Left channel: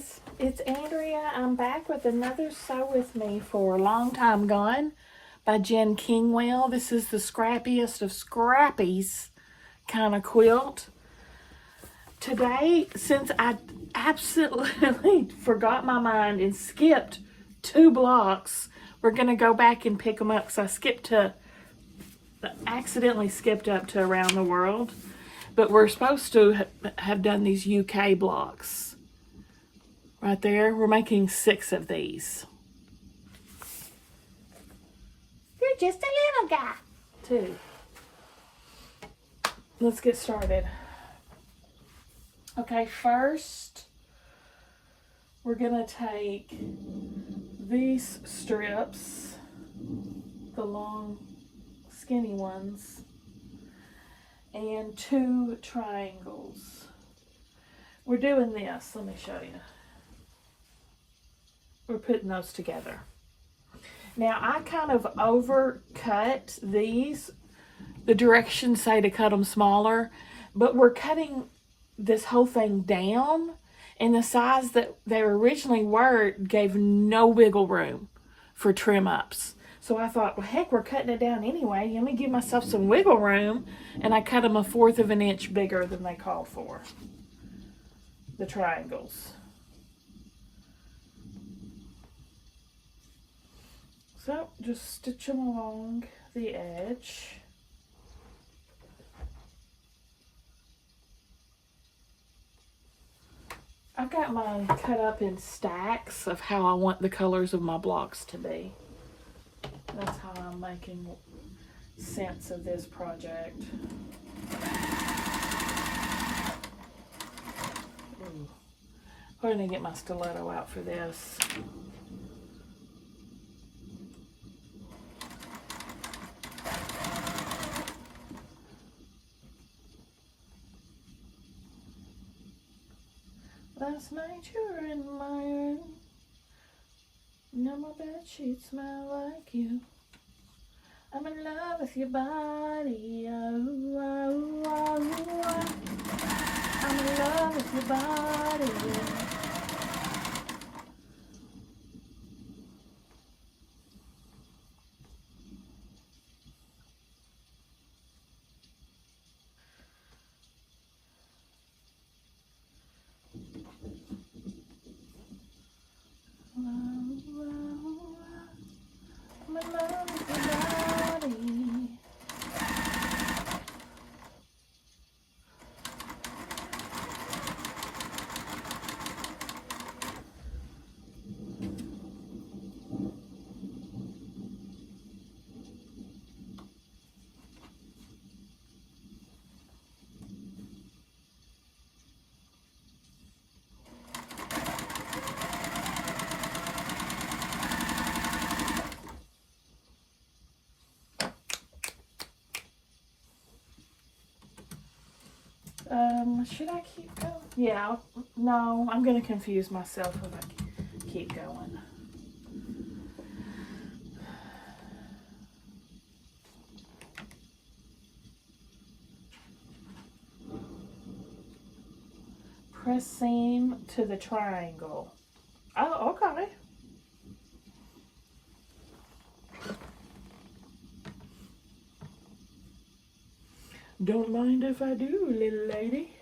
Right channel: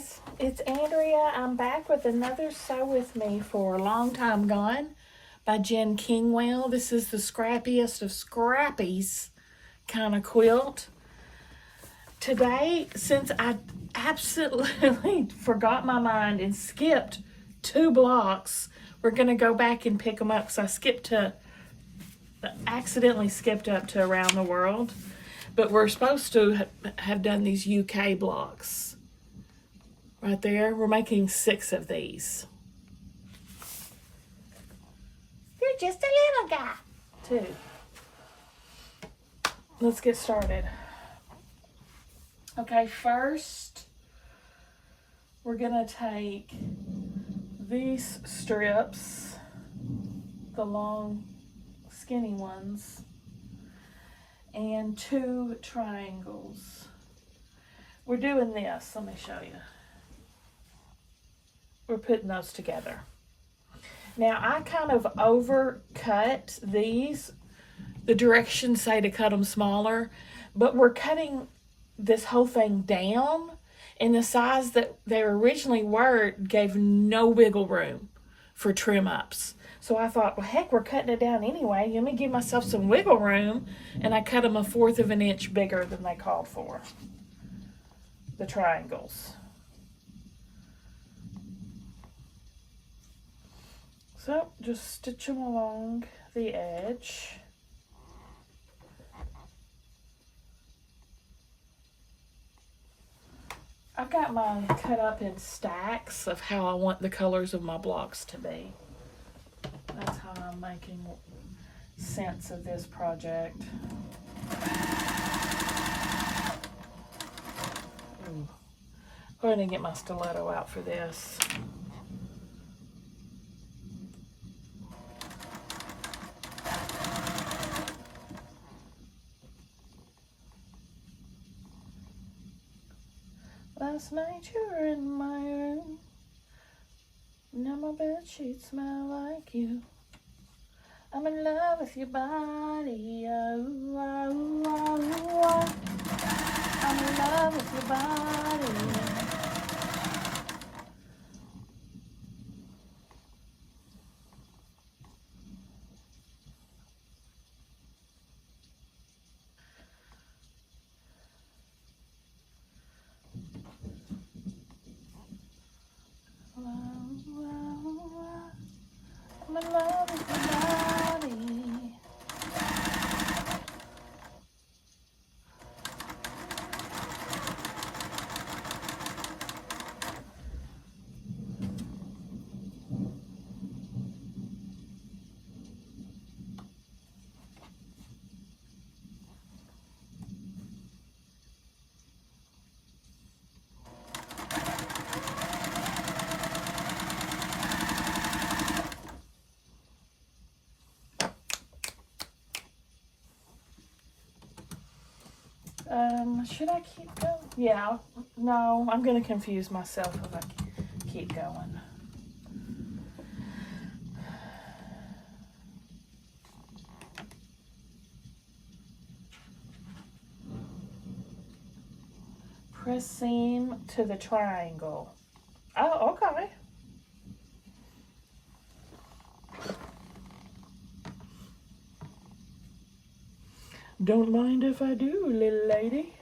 guys, it's Andrea. I'm back with another Sew With Me for a Long Time Gone by Jen Kingwell. This is the scrappiest of scrappies kind of quilt. Today, since I absolutely forgot my mind and skipped 2 blocks, we're going to go back and pick them up because I accidentally skipped up to Around the World. But we're supposed to have done these UK blocks. Right there, we're making 6 of these. You're just a little guy. 2. Let's get started. Okay, first, we're gonna take these strips, the long, skinny ones, and 2 triangles. We're doing this, let me show you. We're putting those together. Now I kind of overcut these. The directions say to cut them smaller, but we're cutting this whole thing down, and the size that they originally were gave no wiggle room for trim ups. So I thought, well, heck, we're cutting it down anyway. Let me give myself some wiggle room, and I cut them 1/4 of an inch bigger than they called for. The triangles. So just stitch them along the edge. I've got mine cut up in stacks of how I want the colors of my blocks to be. That's how I'm making sense of this project. Ooh. I'm going to get my stiletto out for this. Last night you were in my room. Now my bed sheets smell like you. I'm in love with your body. Oh, oh, oh, oh. I'm in love with your body. I'm in love with your body. Should I keep going? Yeah, no, I'm going to confuse myself if I keep going. Press seam to the triangle. Oh, okay. Don't mind if I do, little lady.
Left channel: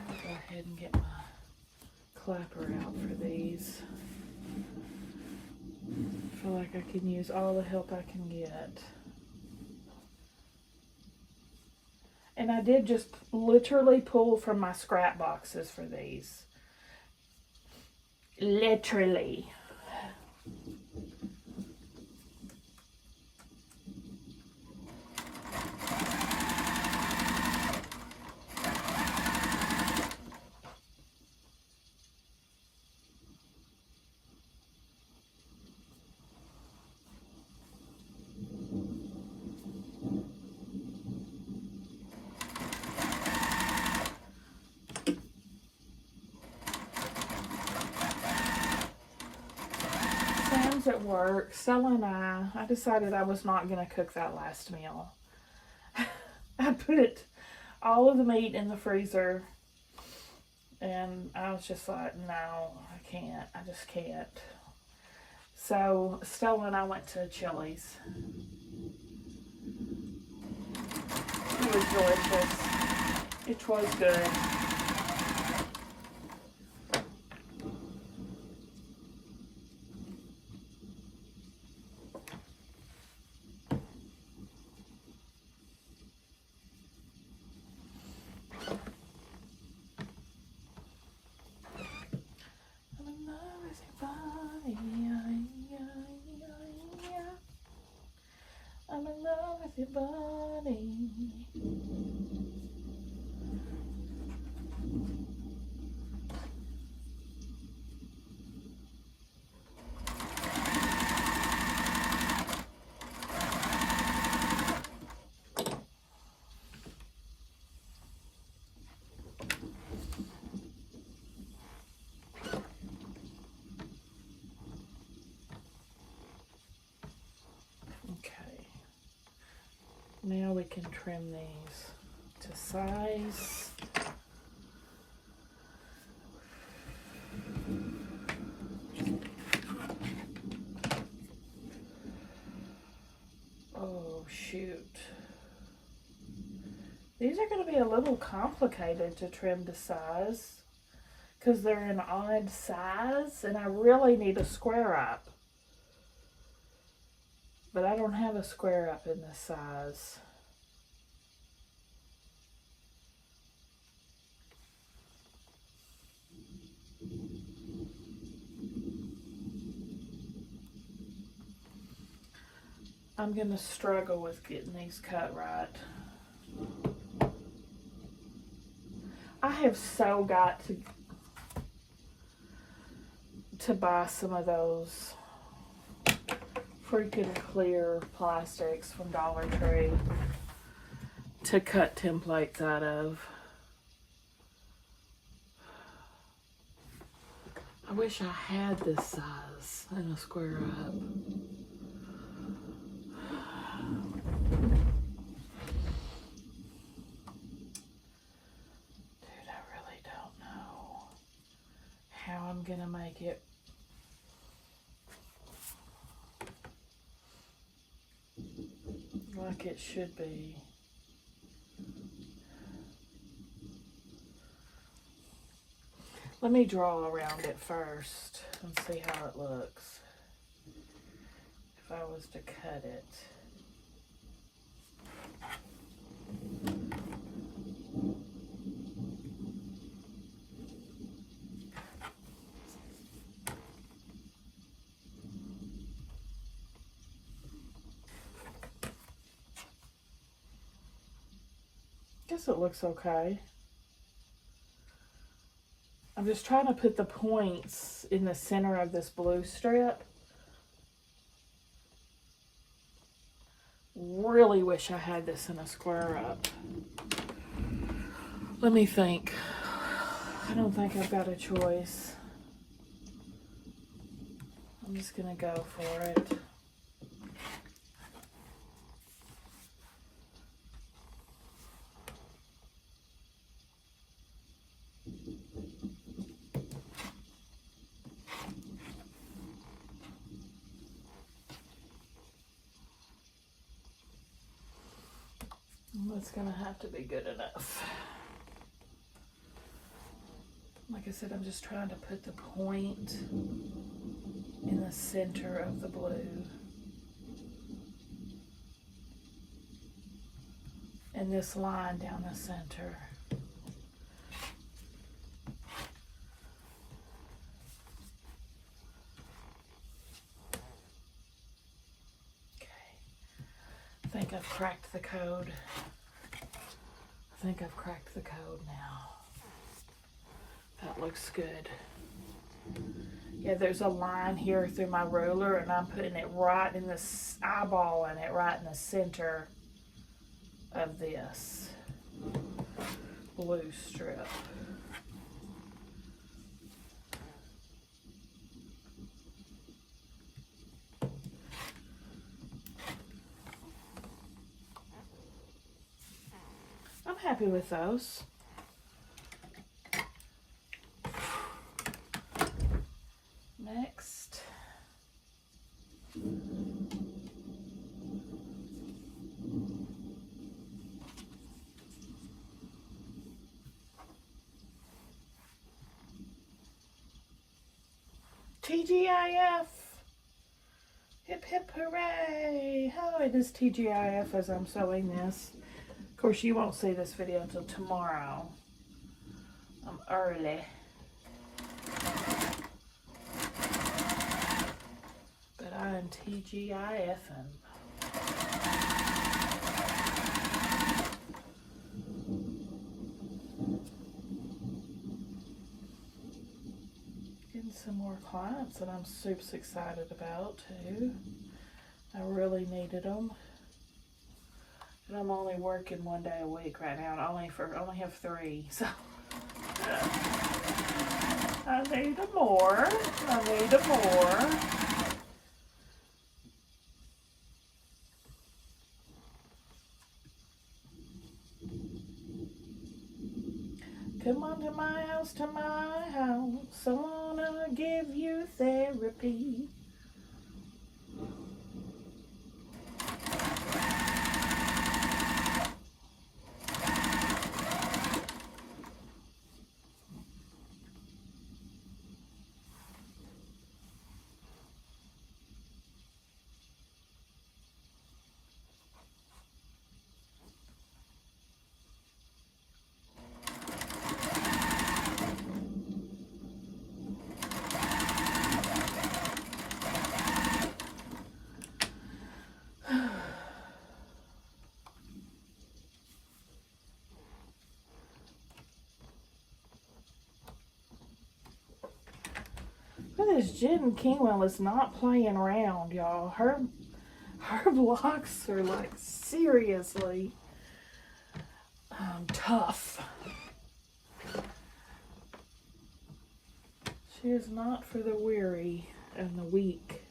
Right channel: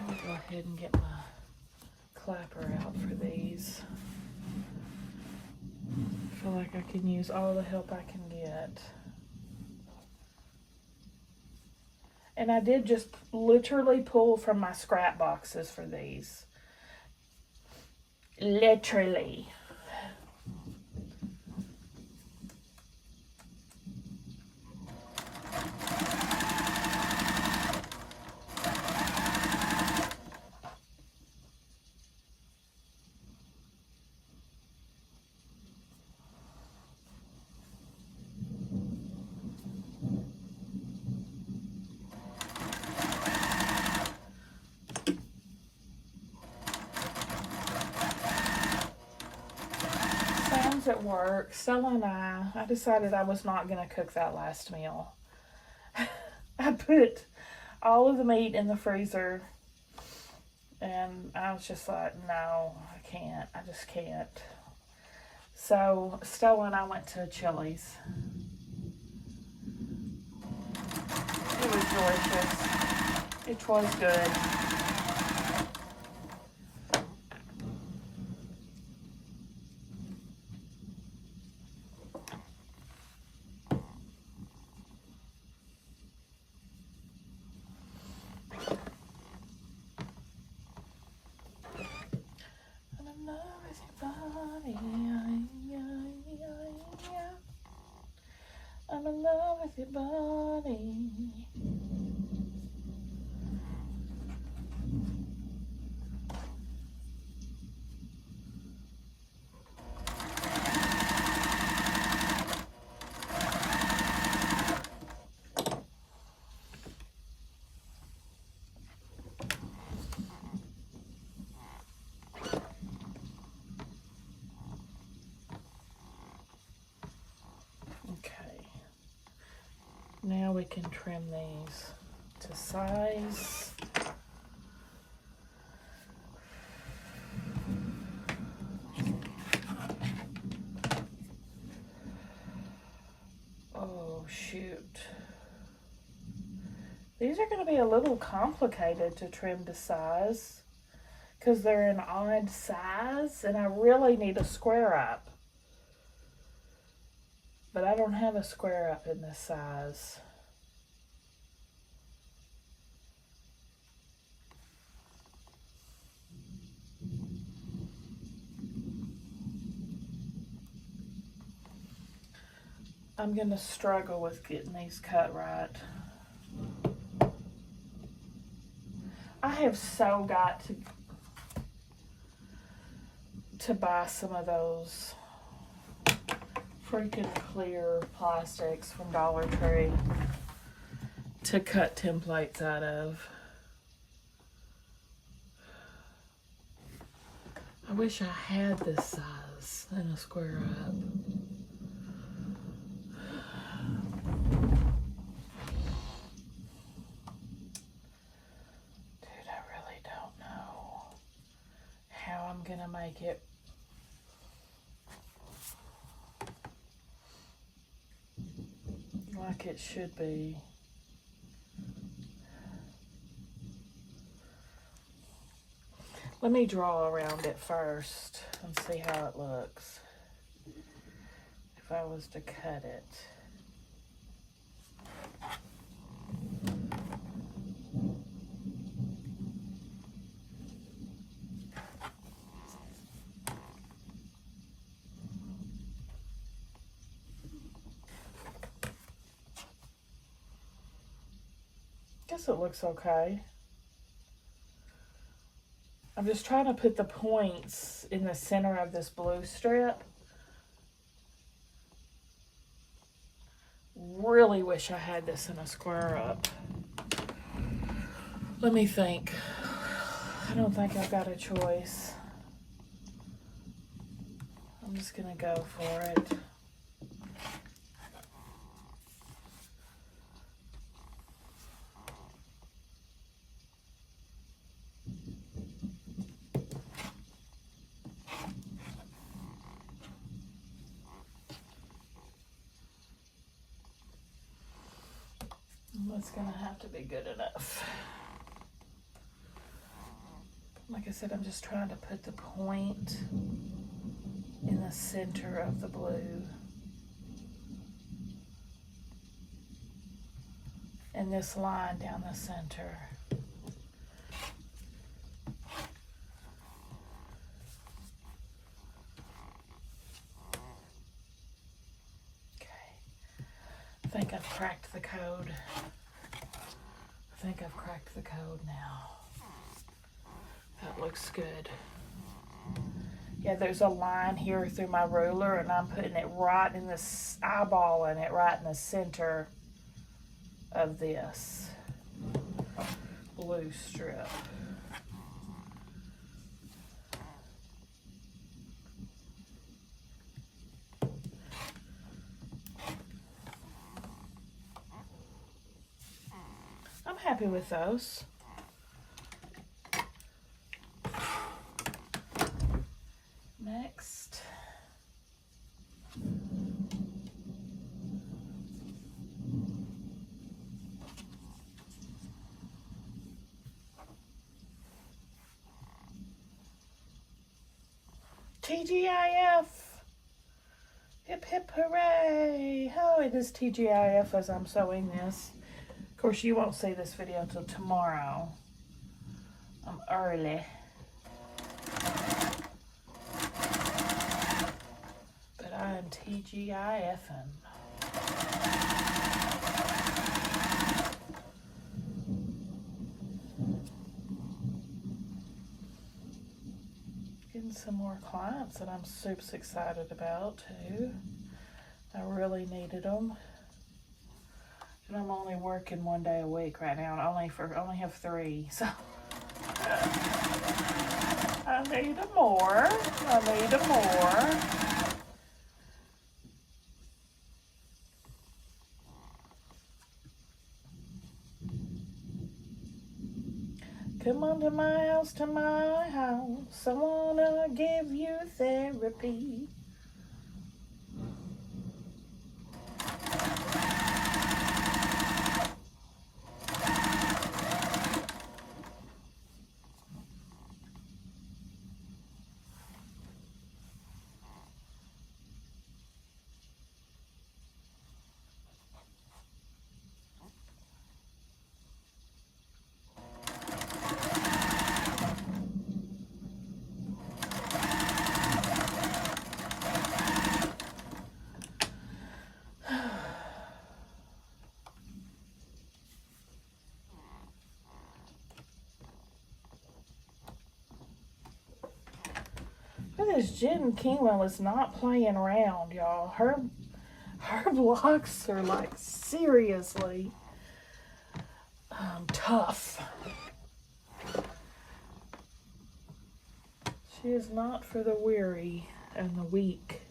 I'll go ahead and get my clapper out for these. I feel like I can use all the help I can get. And I did just literally pull from my scrap boxes for these. Literally. At work, Stella and I decided I was not going to cook that last meal. I put all of the meat in the freezer. And I was just like, no, I can't. I just can't. So Stella and I went to Chili's. It was delicious. It was good. I'm in love with your body. Now we can trim these to size. Oh shoot. These are going to be a little complicated to trim to size because they're an odd size and I really need a square up. But I don't have a square up in this size. I'm going to struggle with getting these cut right. I have so got to buy some of those freaking clear plastics from Dollar Tree to cut templates out of. I wish I had this size in a square up. Dude, I really don't know how I'm gonna make it like it should be. Let me draw around it first and see how it looks. If I was to cut it. Guess it looks okay. I'm just trying to put the points in the center of this blue strip. Really wish I had this in a square up. Let me think. I don't think I've got a choice. I'm just gonna go for it. That's gonna have to be good enough. Like I said, I'm just trying to put the point in the center of the blue. And this line down the center. Okay. I think I've cracked the code. I think I've cracked the code now. That looks good. Yeah, there's a line here through my ruler and I'm putting it right in this, eyeballing it right in the center of this blue strip. I'm happy with those. Next. TGIF. Hip hip hooray. Oh, it is TGIF as I'm sewing this. Of course, you won't see this video till tomorrow. I'm early. But I am TGIFing. Getting some more clients that I'm super excited about too. I really needed them. And I'm only working 1 day a week right now. And I only have 3, so I need more. I need more. Come on to my house, to my house. I wanna give you therapy. This Jen Kingwell is not playing around, y'all. Her blocks are like seriously tough. She is not for the weary and the weak.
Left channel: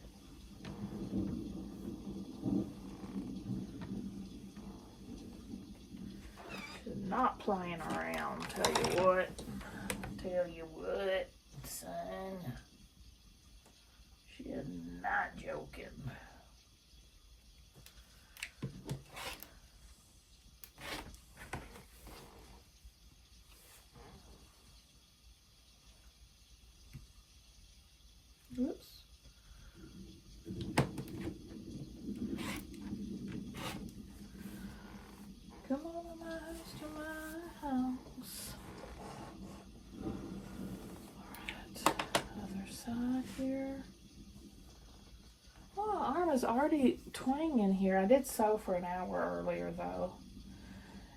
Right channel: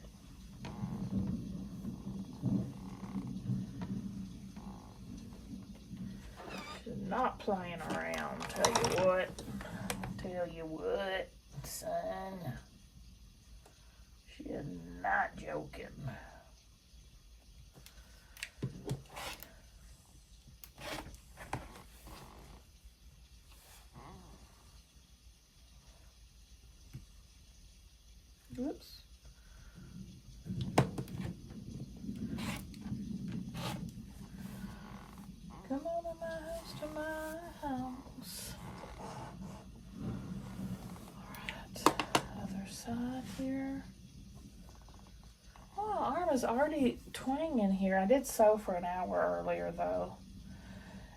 She's not playing around, tell you what. Tell you what, son. She is not joking. Oops. Come on to my house, to my house. Alright, other side here. Oh, arm is already twanging here. I did sew for an hour earlier though.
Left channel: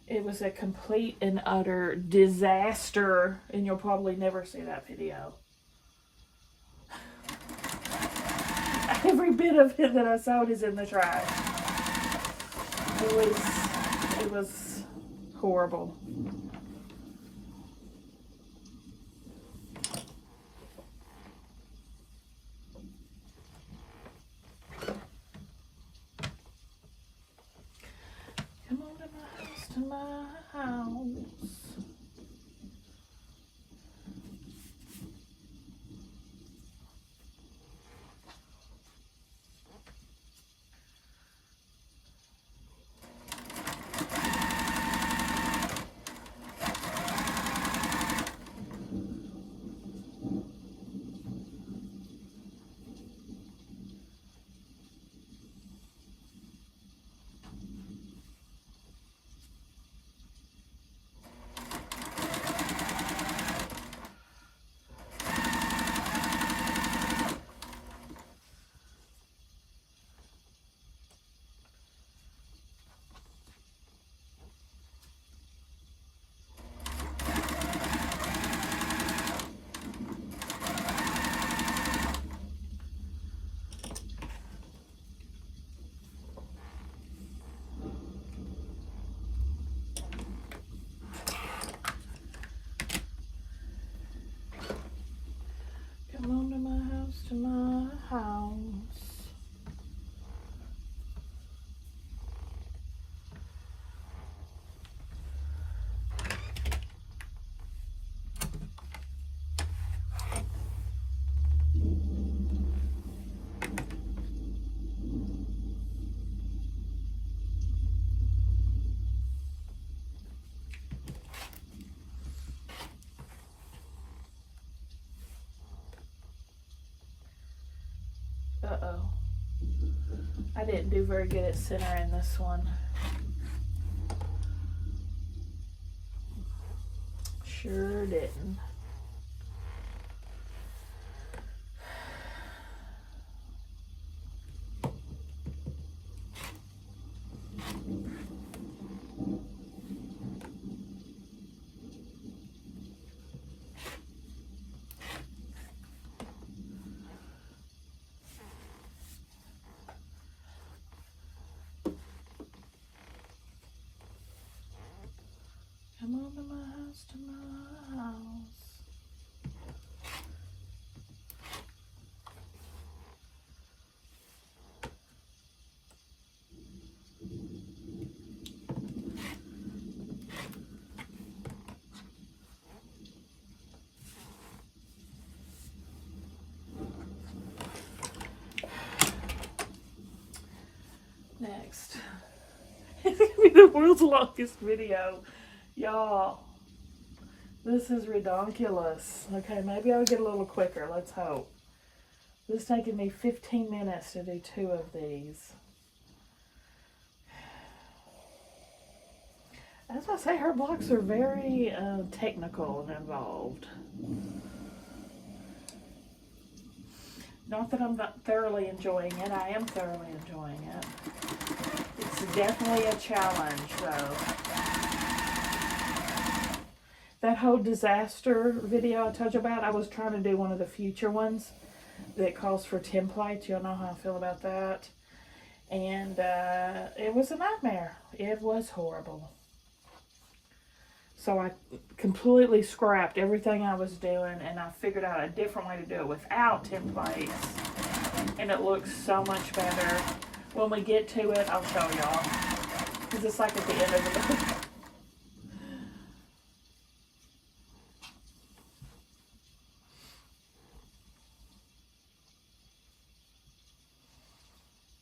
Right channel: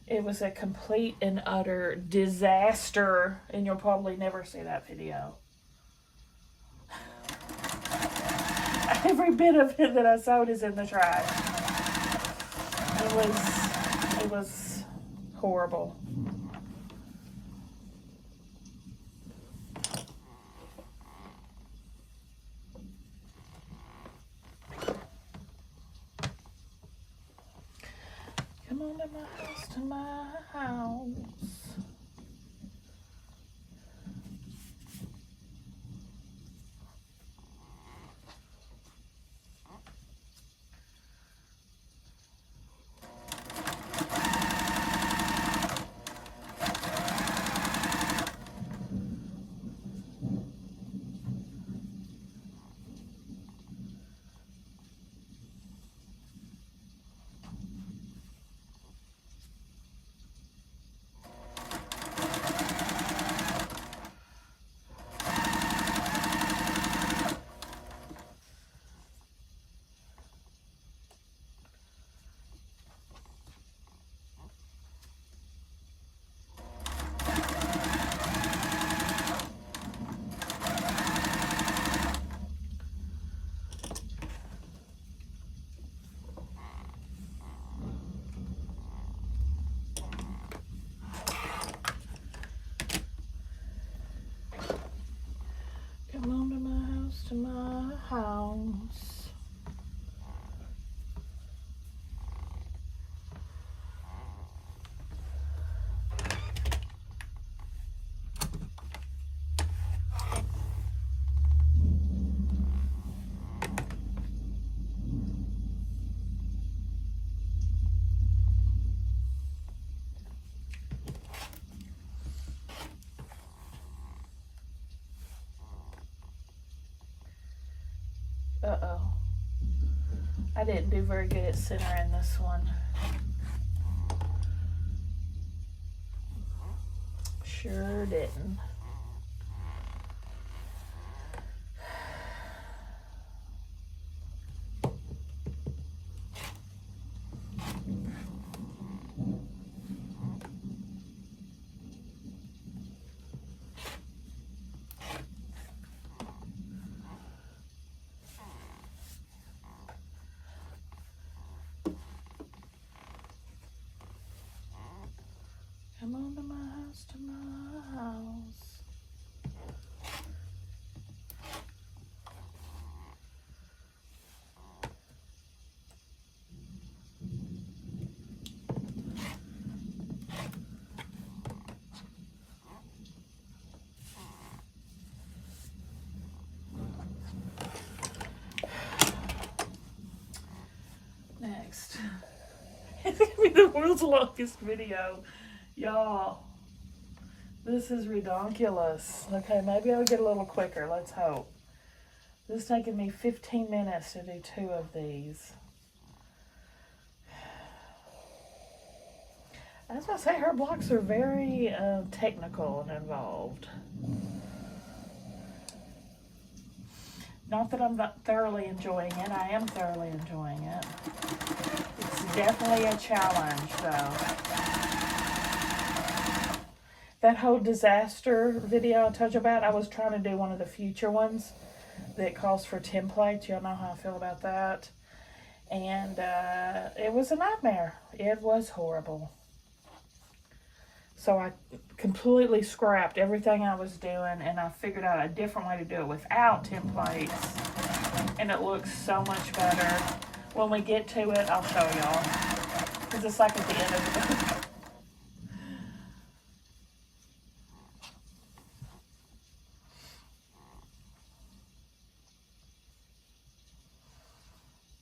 It was a complete and utter disaster, and you'll probably never see that video. Every bit of it that I sewed is in the trash. It was horrible. Come on to my house, to my house. Uh-oh. I didn't do very good at centering this one. Sure didn't. Come on to my house, to my house. Next. It's gonna be the world's longest video. Y'all, this is redonkulous. Okay, maybe I'll get a little quicker. Let's hope. This is taking me 15 minutes to do 2 of these. As I say, her blocks are very technical and involved. Not that I'm not thoroughly enjoying it. I am thoroughly enjoying it. It's definitely a challenge, though. That whole disaster video I told you about, I was trying to do one of the future ones that calls for templates. Y'all know how I feel about that. And it was a nightmare. It was horrible. So I completely scrapped everything I was doing, and I figured out a different way to do it without templates. And it looks so much better. When we get to it, I'll show y'all. Because it's like at the end of the video.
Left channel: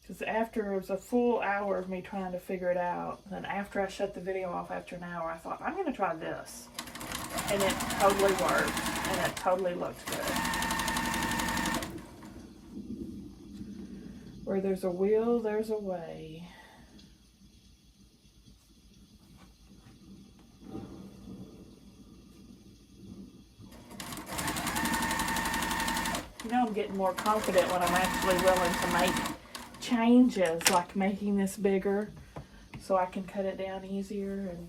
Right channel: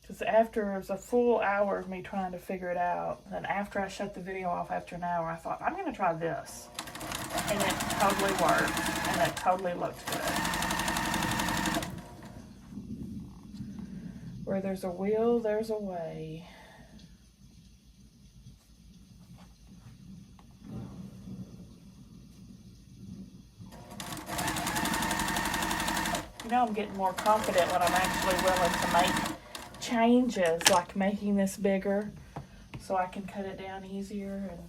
Because after it was a full hour of me trying to figure it out, then after I shut the video off after an hour, I thought, I'm going to try this. And it totally worked. And it totally looked good. Where there's a will, there's a way. You know, I'm getting more confident when I'm actually willing to make changes, like making this bigger so I can cut it down easier, and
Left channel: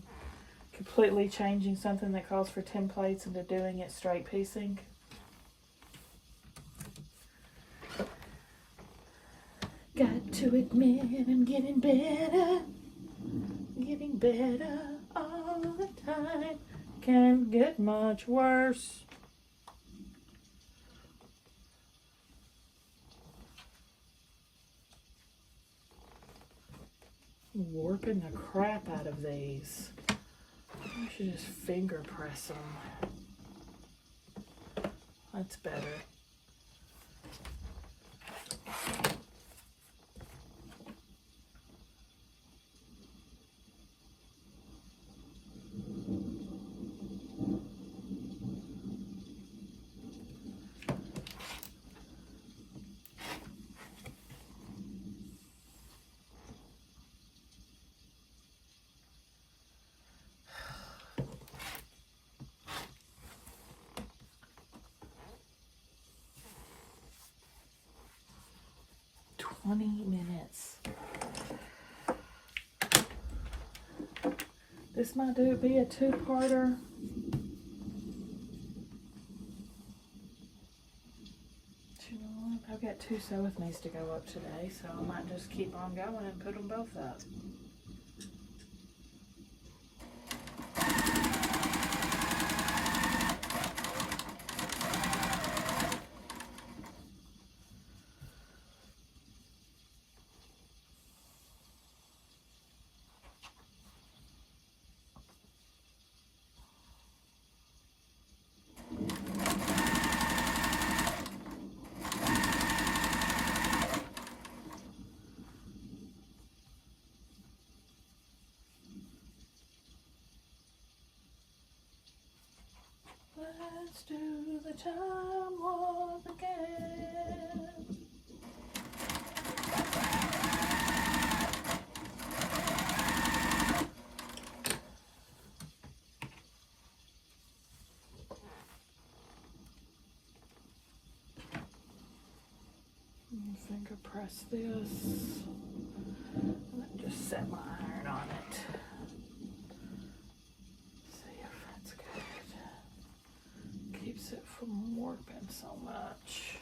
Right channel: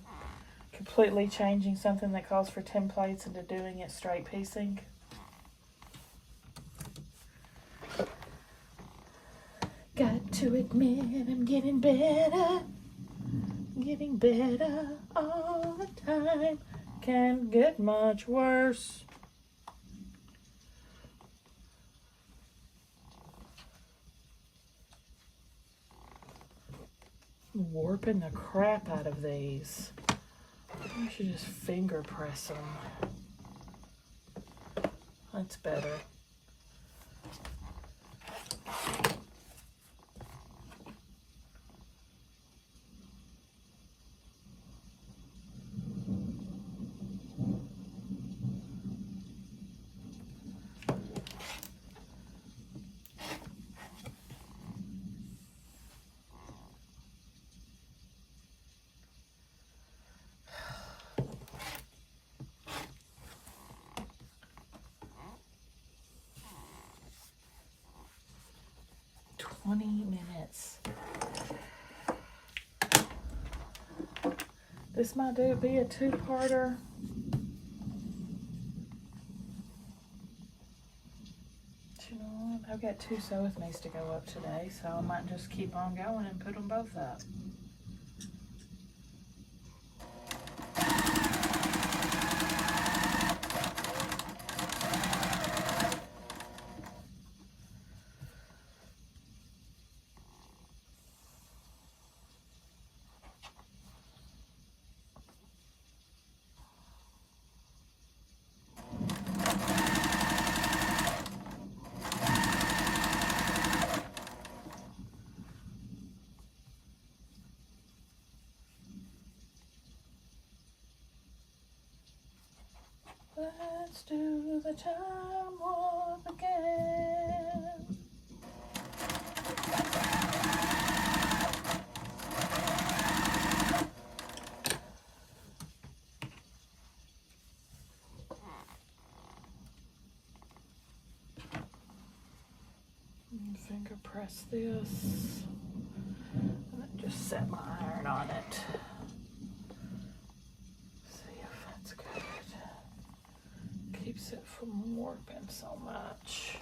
completely changing something that calls for templates into doing it straight piecing. Got to admit, I'm getting better all the time. Can't get much worse. Warping the crap out of these. I should just finger press them. That's better. Minutes. This might be a 2-parter. You know what? I've got 2 sew with me's to go up today, so I might just keep on going and put them both up. Let's do the time warp again. this. And then just set my iron on it. See if that's good. Keeps it from warping so much.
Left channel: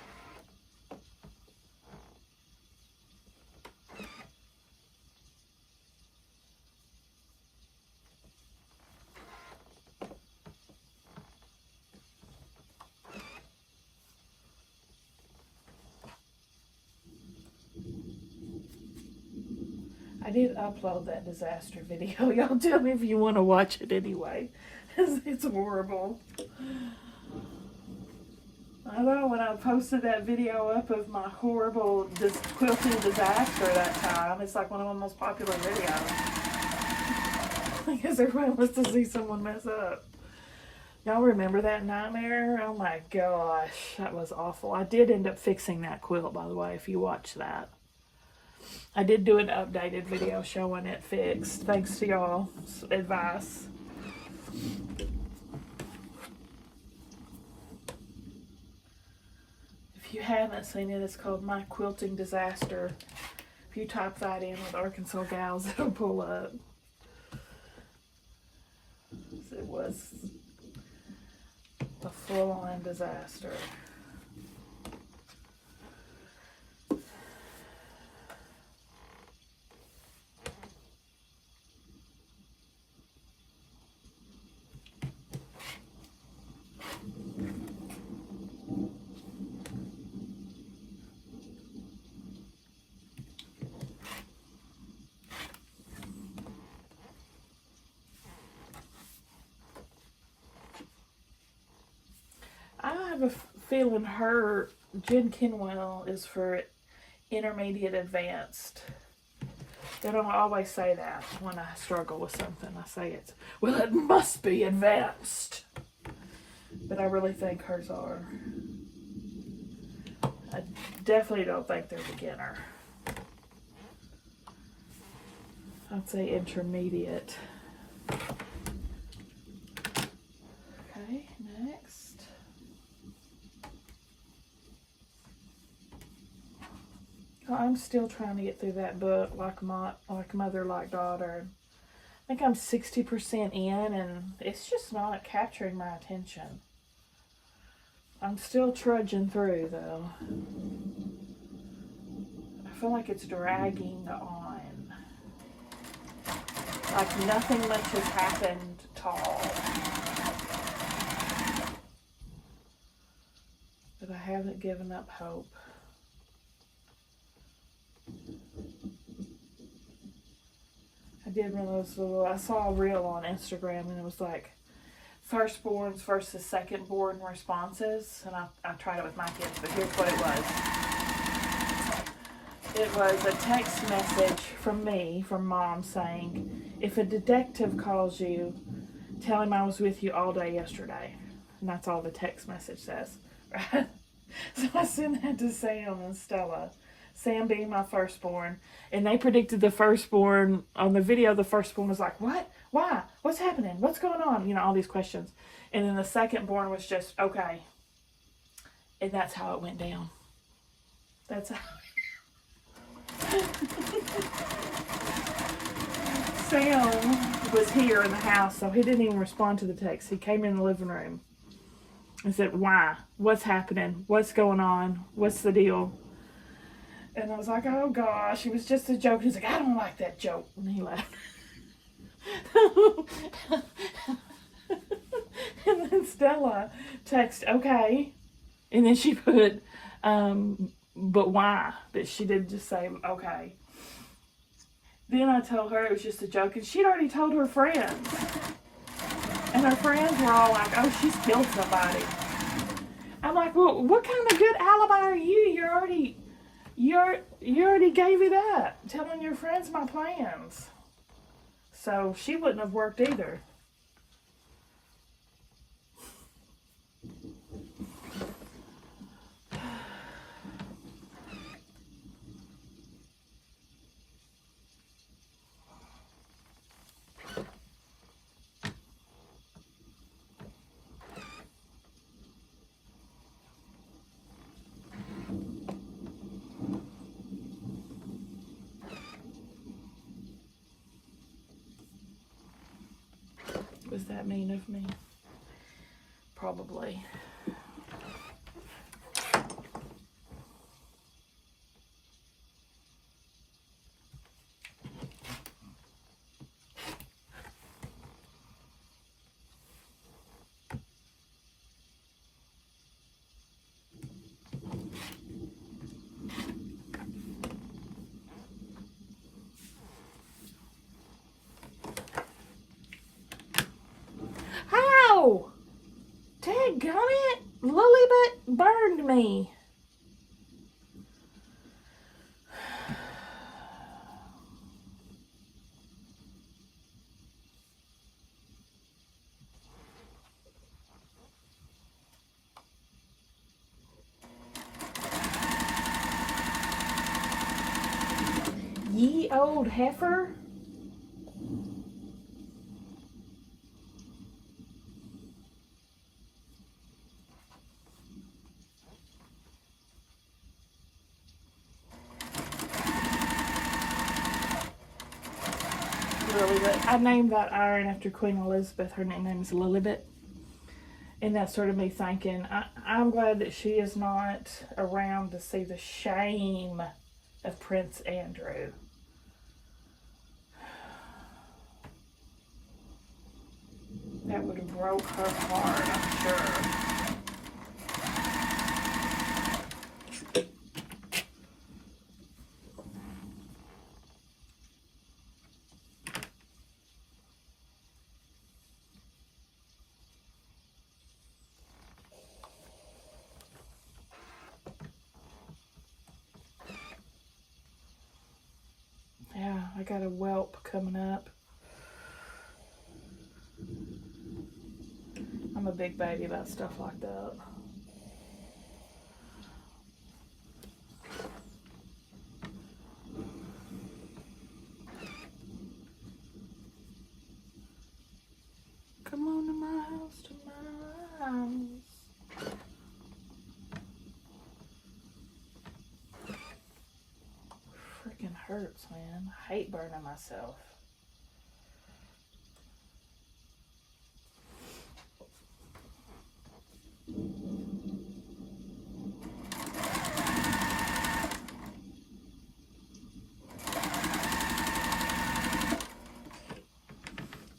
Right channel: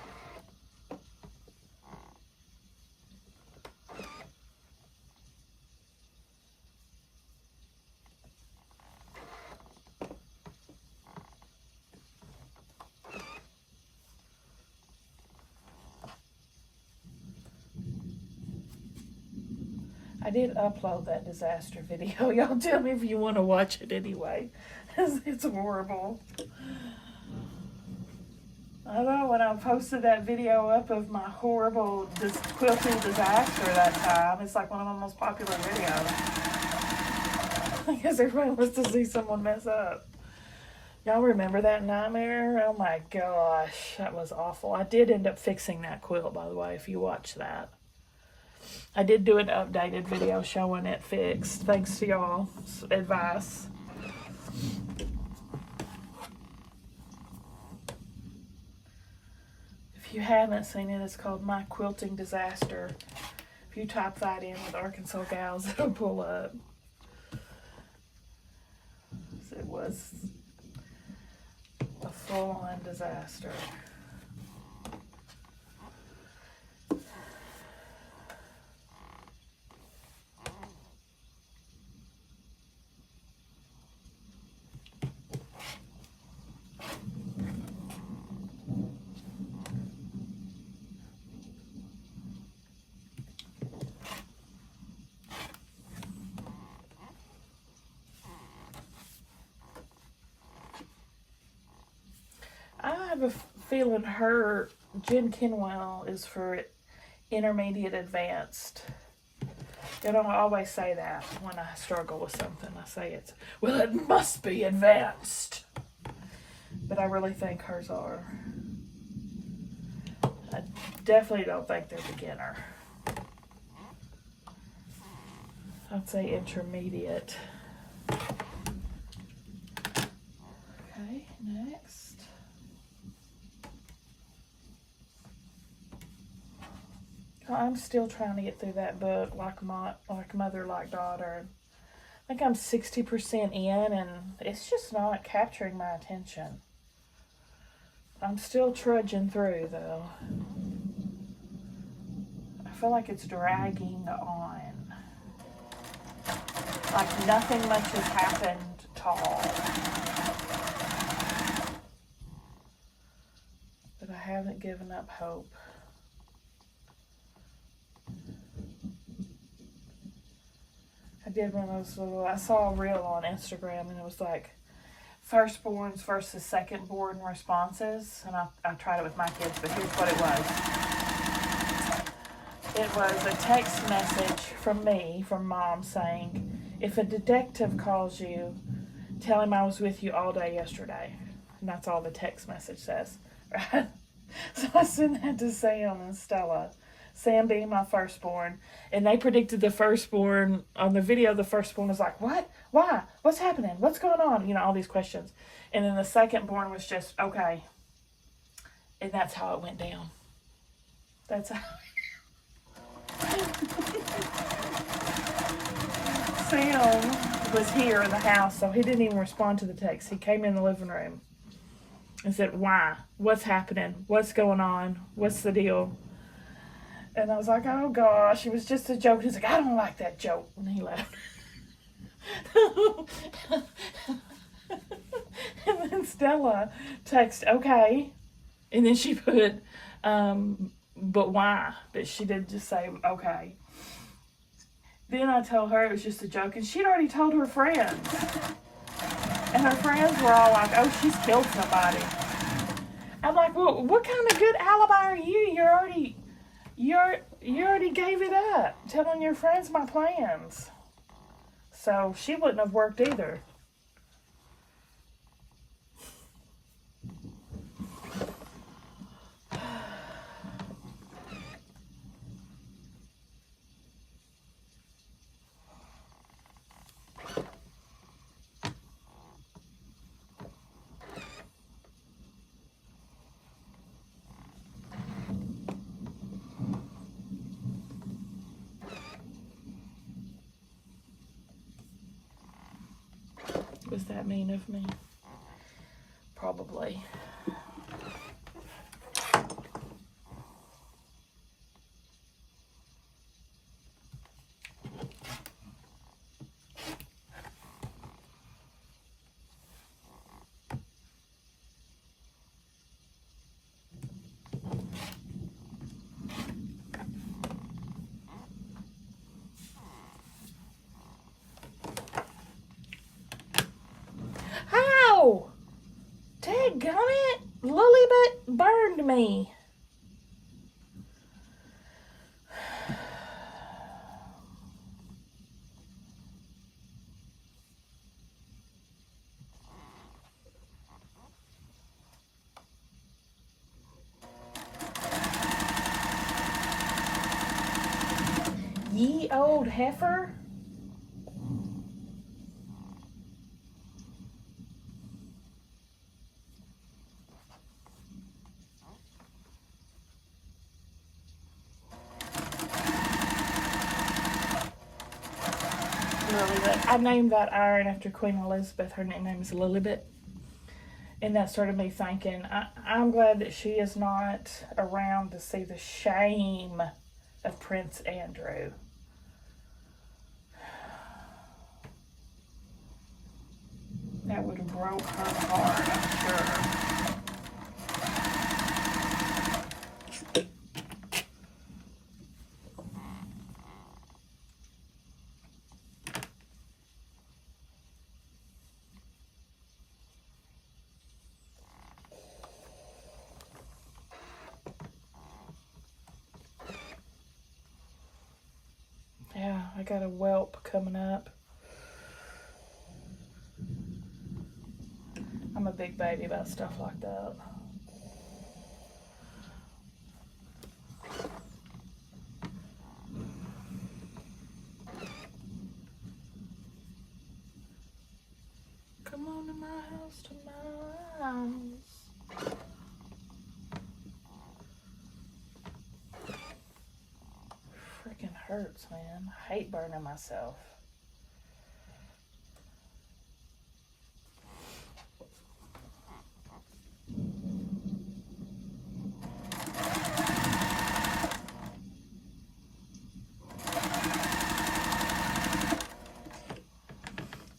I did upload that disaster video. Y'all tell me if you want to watch it anyway. It's horrible. I know when I posted that video up of my horrible quilting disaster that time, it's like one of my most popular videos. I guess everybody wants to see someone mess up. Y'all remember that nightmare? Oh my gosh, that was awful. I did end up fixing that quilt, by the way, if you watch that. I did do an updated video showing it fixed, thanks to y'all's advice. If you haven't seen it, it's called My Quilting Disaster. If you type that in with Arkansas Gals, it'll pull up. It was a full-on disaster. I have a feeling Jen Kingwell is for intermediate advanced. They don't always say that when I struggle with something. I say it's, well, it must be advanced. But I really think hers are. I definitely don't think they're beginner. I'd say intermediate. Okay, next. I'm still trying to get through that book, like Mother, Like Daughter. I think I'm 60% in, and it's just not capturing my attention. I'm still trudging through, though. I feel like it's dragging on. Like nothing much has happened at all. But I haven't given up hope. I did one of those little, I saw a reel on Instagram, and it was like firstborns versus secondborn responses, and I tried it with my kids, but here's what it was. It was a text message from me, from Mom, saying, if a detective calls you, tell him I was with you all day yesterday. And that's all the text message says, right? So I sent that to Sam and Stella. Sam being my firstborn, and they predicted the firstborn on the video. The firstborn was like, what? Why? What's happening? What's going on? You know, all these questions. And then the secondborn was just, okay. And that's how it went down. That's how. Sam was here in the house, so he didn't even respond to the text. He came in the living room and said, why? What's happening? What's going on? What's the deal? And I was like, oh gosh, it was just a joke. He's like, I don't like that joke. And he laughed. And then Stella texted, okay. And then she put, but why? But she did just say, okay. Then I told her it was just a joke, and she'd already told her friends. And her friends were all like, oh, she's killed somebody. I'm like, well, what kind of good alibi are you? You already gave it up, telling your friends my plans. So she wouldn't have worked either. that mean of me? Probably. How? Dadgummit! Lilybet burned me. Ye old heifer. Lilybet. I named that iron after Queen Elizabeth. Her nickname is Lilybet. And that started me thinking, I'm glad that she is not around to see the shame of Prince Andrew. That would have broke her heart, I'm sure. Yeah, I got a whelp coming up. I'm a big baby about stuff like that. Come on to my house tonight. Freaking hurts, man. I hate burning myself.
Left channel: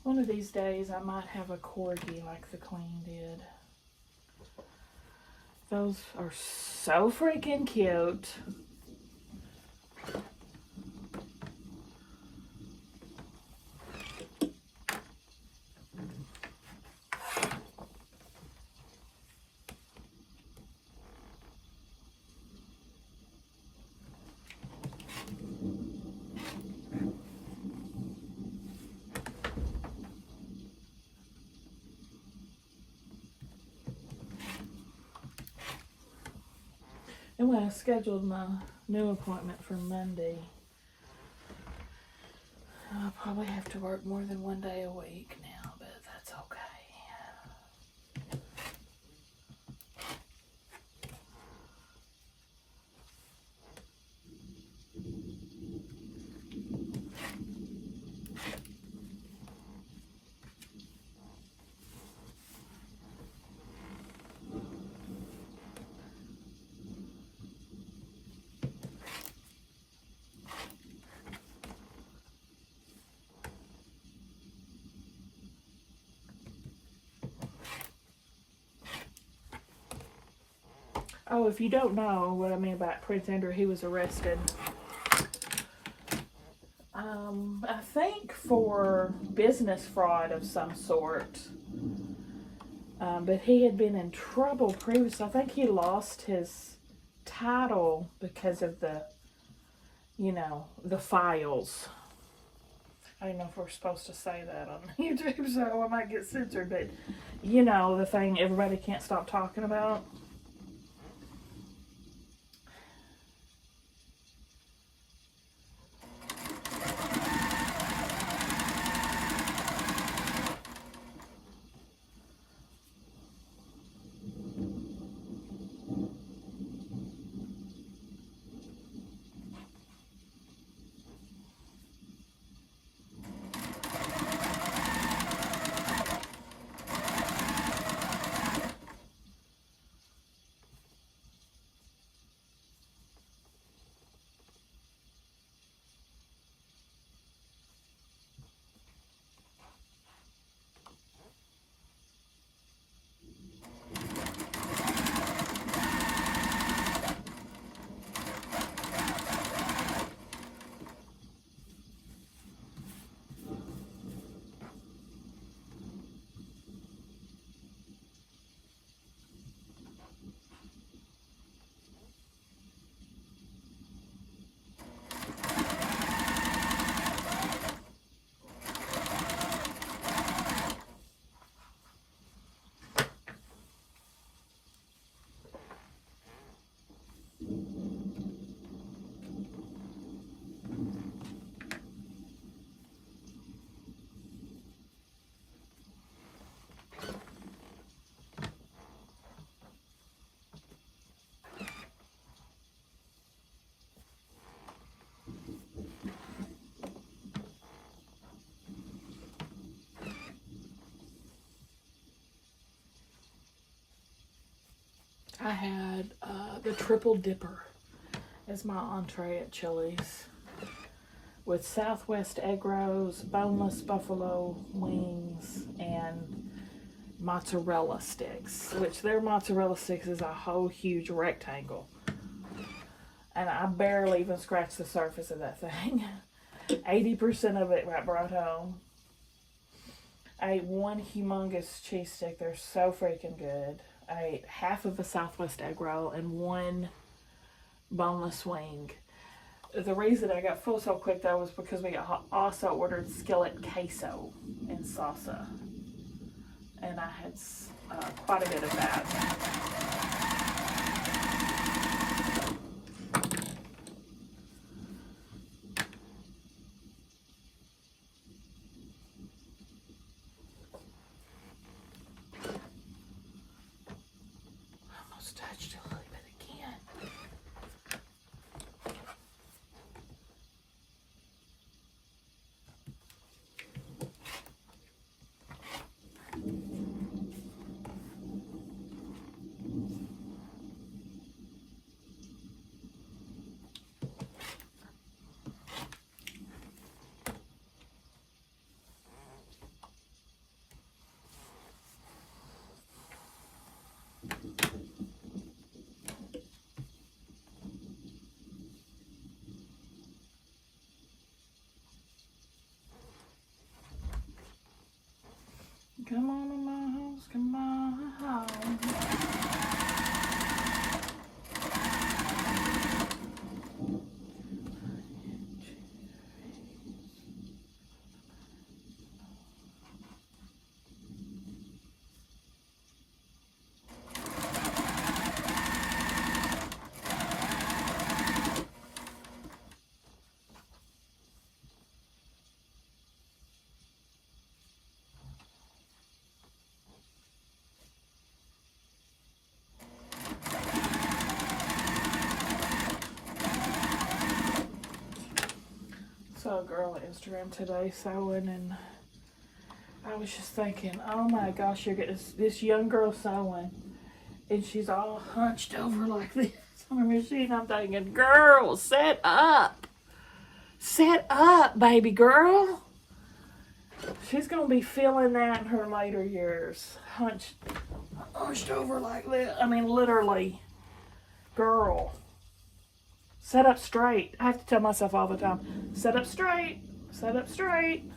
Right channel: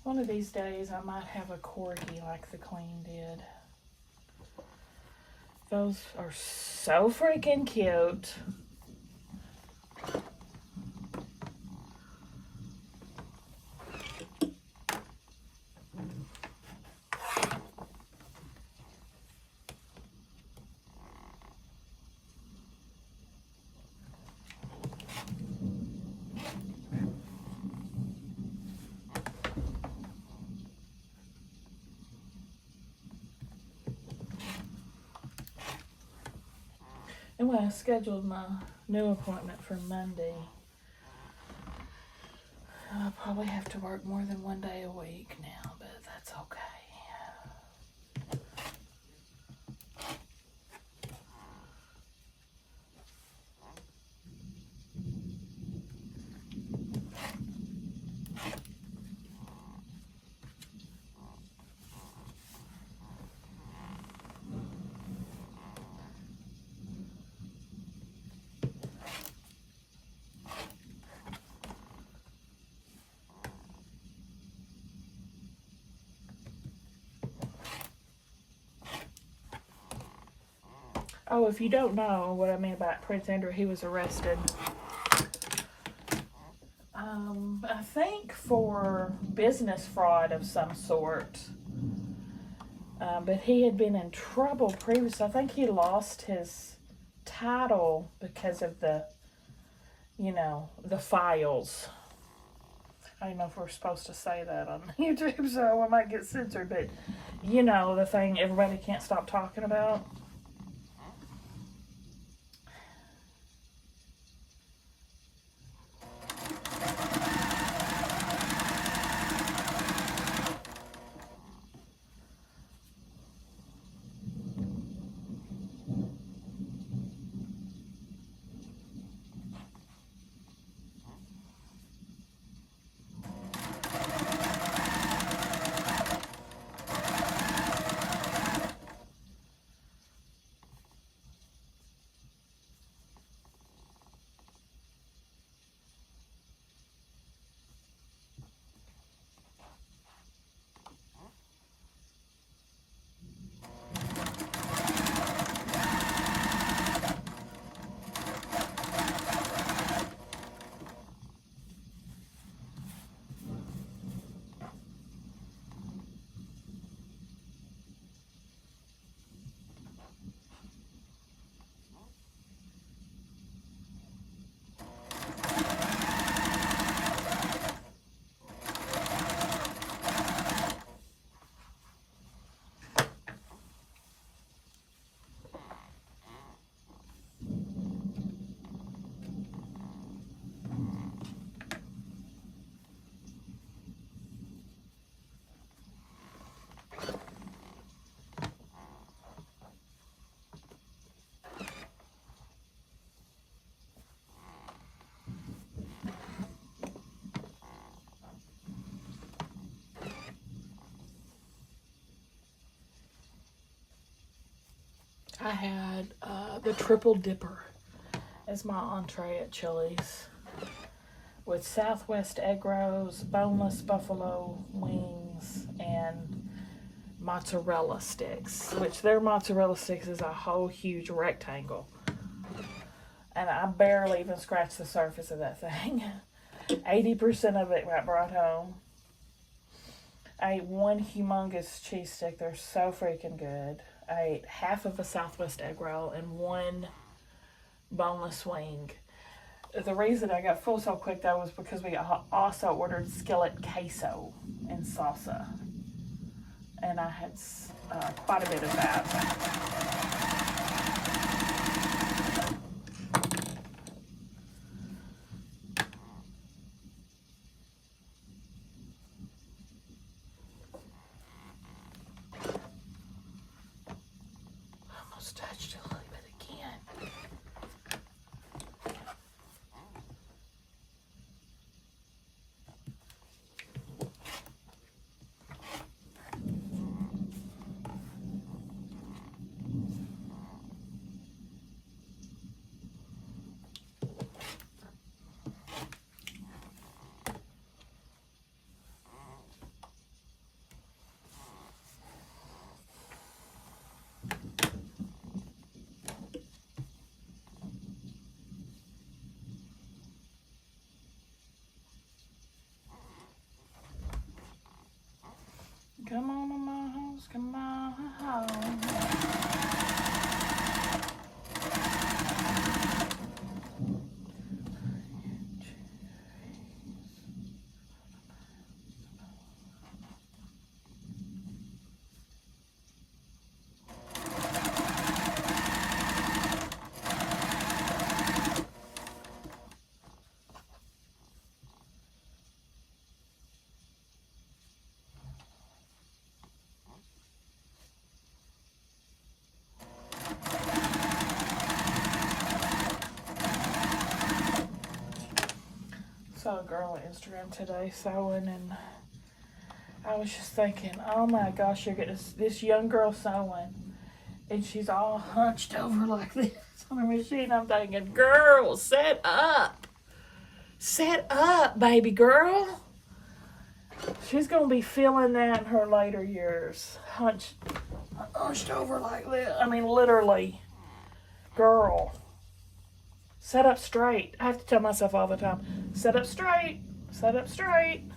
One of these days I might have a corgi like the Queen did. Those are so freaking cute. And when I scheduled my new appointment for Monday, I'll probably have to work more than one day a week now, but that's okay. Oh, if you don't know what I mean about Prince Andrew, he was arrested. I think for business fraud of some sort. But he had been in trouble previously. I think he lost his title because of the files. I don't know if we're supposed to say that on YouTube, so I might get censored, but the thing everybody can't stop talking about. the triple dipper as my entree at Chili's, with Southwest egg rolls, boneless buffalo wings, and mozzarella sticks, which their mozzarella sticks is a whole huge rectangle. And I barely even scratched the surface of that thing. 80% of it got brought home. I ate one humongous cheese stick. They're so freaking good. I ate half of a Southwest egg roll and one boneless wing. The reason I got full so quick though was because we also ordered skillet queso and salsa. And I had quite a bit of that. Almost touched it a little bit again. Come on in my house, come on. Saw a girl on Instagram today sewing, and I was just thinking, oh my gosh, you get this young girl sewing, and she's all hunched over like this on the machine. I'm thinking, girl, set up, baby girl. She's gonna be feeling that in her later years, hunched over like this. I mean, literally, girl. Set up straight. I have to tell myself all the time, set up straight, set up straight.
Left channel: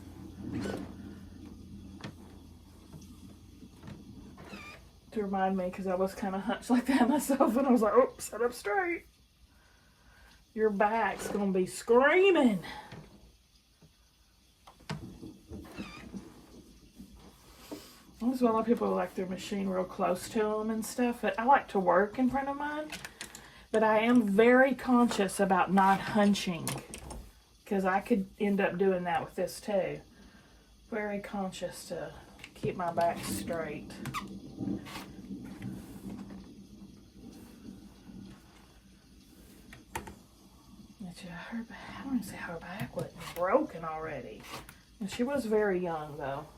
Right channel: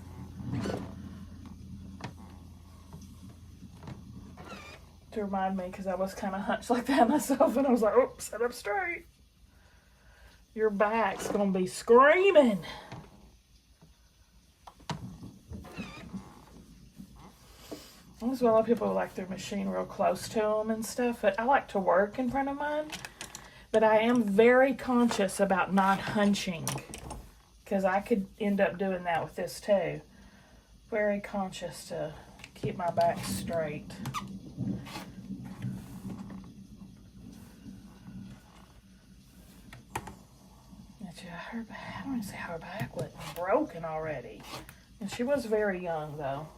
To remind me, because I was kind of hunched like that myself, and I was like, oh, set up straight. Your back's going to be screaming. There's a lot of people who like their machine real close to them and stuff, but I like to work in front of mine. But I am very conscious about not hunching, because I could end up doing that with this too. Very conscious to keep my back straight. I don't even see how her back wasn't broken already. And she was very young though.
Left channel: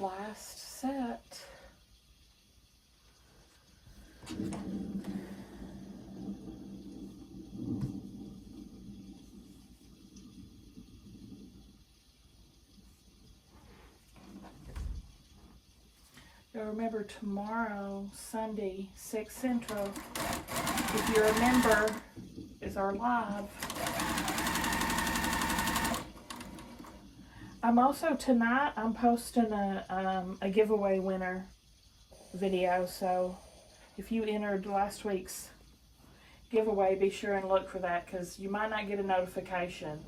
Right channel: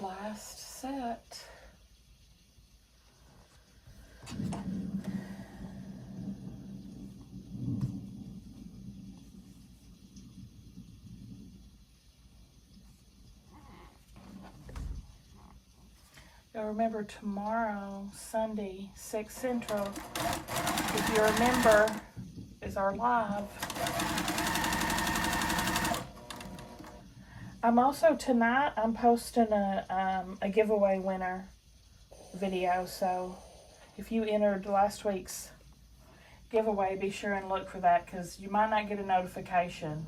Last set. You'll remember tomorrow, Sunday, 6 Central, if you remember, is our live. I'm also, tonight, I'm posting a giveaway winner video, so if you entered last week's giveaway, be sure and look for that, because you might not get a notification